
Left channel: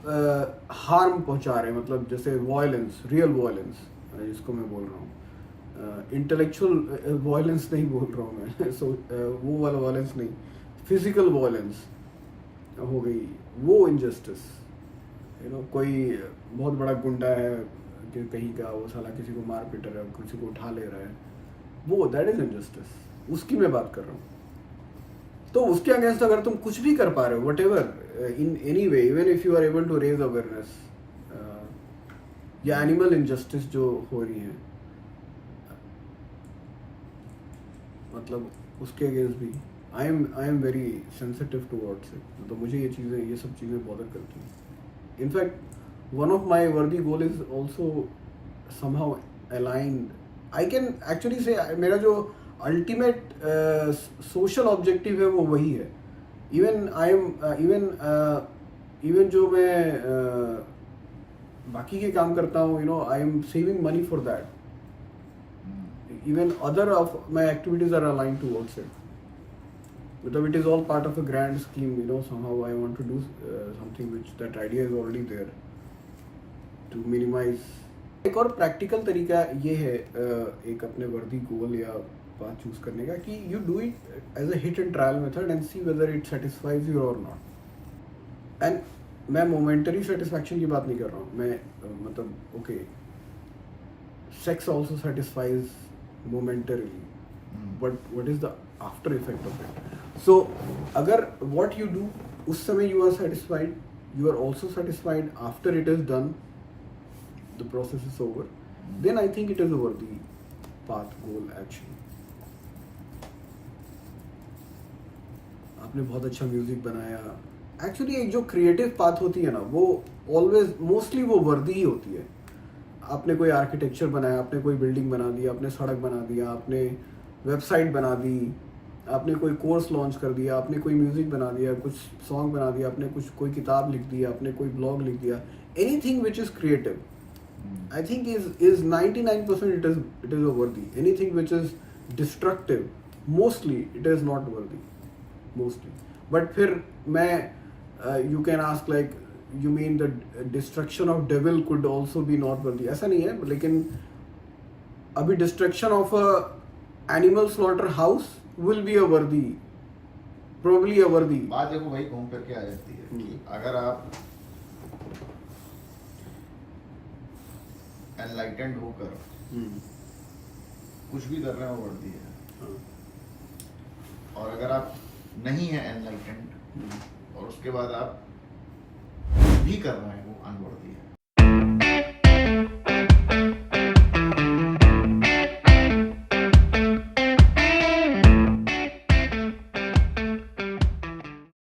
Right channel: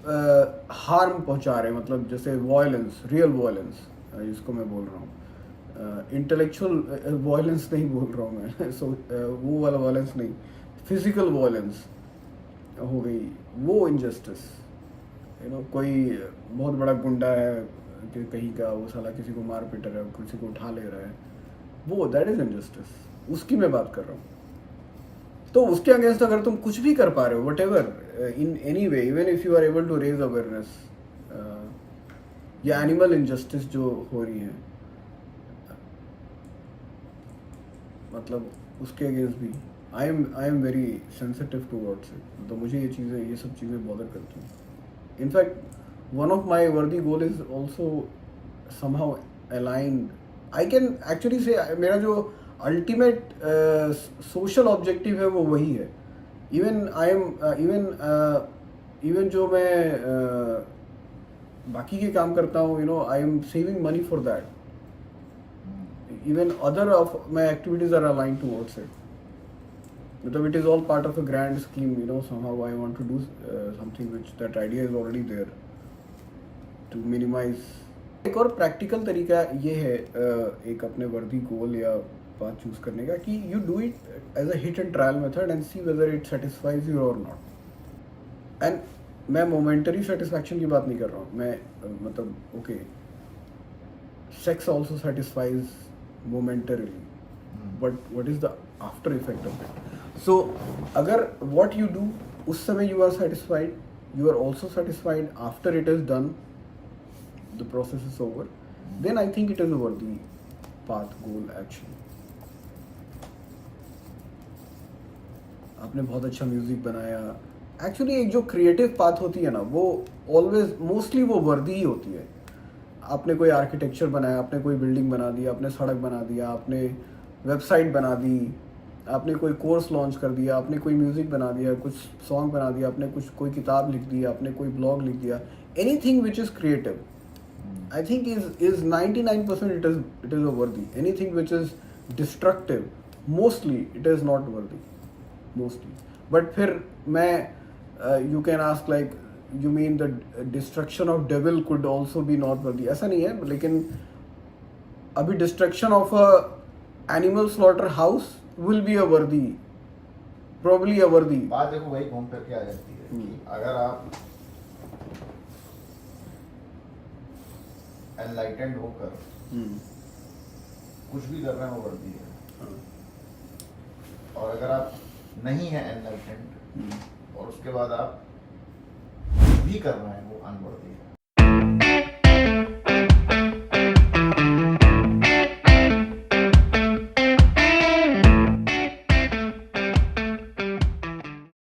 हार्म पहुंचा रहे हैं, मतलब जैसे वायलेंस, रियल वायलेंस जिसको मैं बोल रहा हूँ, इंटेलेक्चुअल वायलेंस नहीं बोल रहा हूँ मैं. वो वाला वायलेंस नहीं, फिजिकल वायलेंस हो गई, वो इंजस्टिस. कोई बहुत बड़ा गुंडा है कि कहीं का, वो साला किसी को मार पीट रहा है, किसी को उठा ले रहा है, वो दैट इज इंजस्टिस. उसकी मैं बात कर रहा हूँ. तो उसके अगेंस्ट अगर तुम कुछ भी कर पा रहे हो, whatever, in any way, even if you are able to raise awareness, या एनिमल इंजस्टिस जो हो रही है, मतलब उसके अगेंस्ट भी I am very sensitive towards it. तो मुझे ये सब चीज़ें बॉदर करती हैं. इनफैक्ट वन ऑफ माई वर्दी goal is also somehow aligned. I can actually से मेरा जो अल्टीमेट सोशल ऑब्जेक्टिव है वो वही है. इवन आई एम इवन जो मैं बाकी के काम करता हूँ, I am saving money for that. Even other of my activities are aligned towards it. Because it is all part of a grand scheme, somehow I want to do something which that idea is already there to minimize. एक और practical तरीका ये है एक अपने वर्दी गोल या बात चूज करने का कि you do it as a hit and trial method and see whether it satisfies you or not. And मैं momentary satisfaction की बात नहीं कर रहा हूँ. मैं मतलब okay, sex also satisfies momentarily, but what is the after effect of it? So अगर what you do उस समय you are satisfied, you are also satisfied after it is done, the process is over, then I think it is a worthy path, goal, action. आपने बहुत अच्छा music बनाया. Actually एक जो creative path होती है ना, वो ऑलवेज मोस्टली वो वर्दी ही होती है. आपने कोई आर्किटेक्चर बनाया, आपने कोई बिल्डिंग बना दी, आपने सड़क बना दिया, आपने वेबसाइट बना दी, आपने कोई कोर्स लॉन्च कर दिया, आपने कोई म्यूज़िक बना दिया, कुछ सॉन्ग बना दिया, आपने कोई किताब लिख दी, आपने कोई ब्लॉग लिख दिया. Anything which is creative I think is 99% it is a worthy. Anything which is destructive, mostly it is not worthy, mostly. But फिर मैं you can ask like you mean the destruction of devil could also be not worthy. ऐसा नहीं है, लेकिन अभी destruction of a animal slaughter house will be a worthy, probably a worthy. बात देखो वही घूम फिर के आ जाती है कि अगर आप एनलाइटेंड होकर कुछ भी कर रहे हो वर्दी है, और अगर आप नहीं है एनलाइटेंड और उसके बाद आप भी कर रहे हैं वो अनवर्दी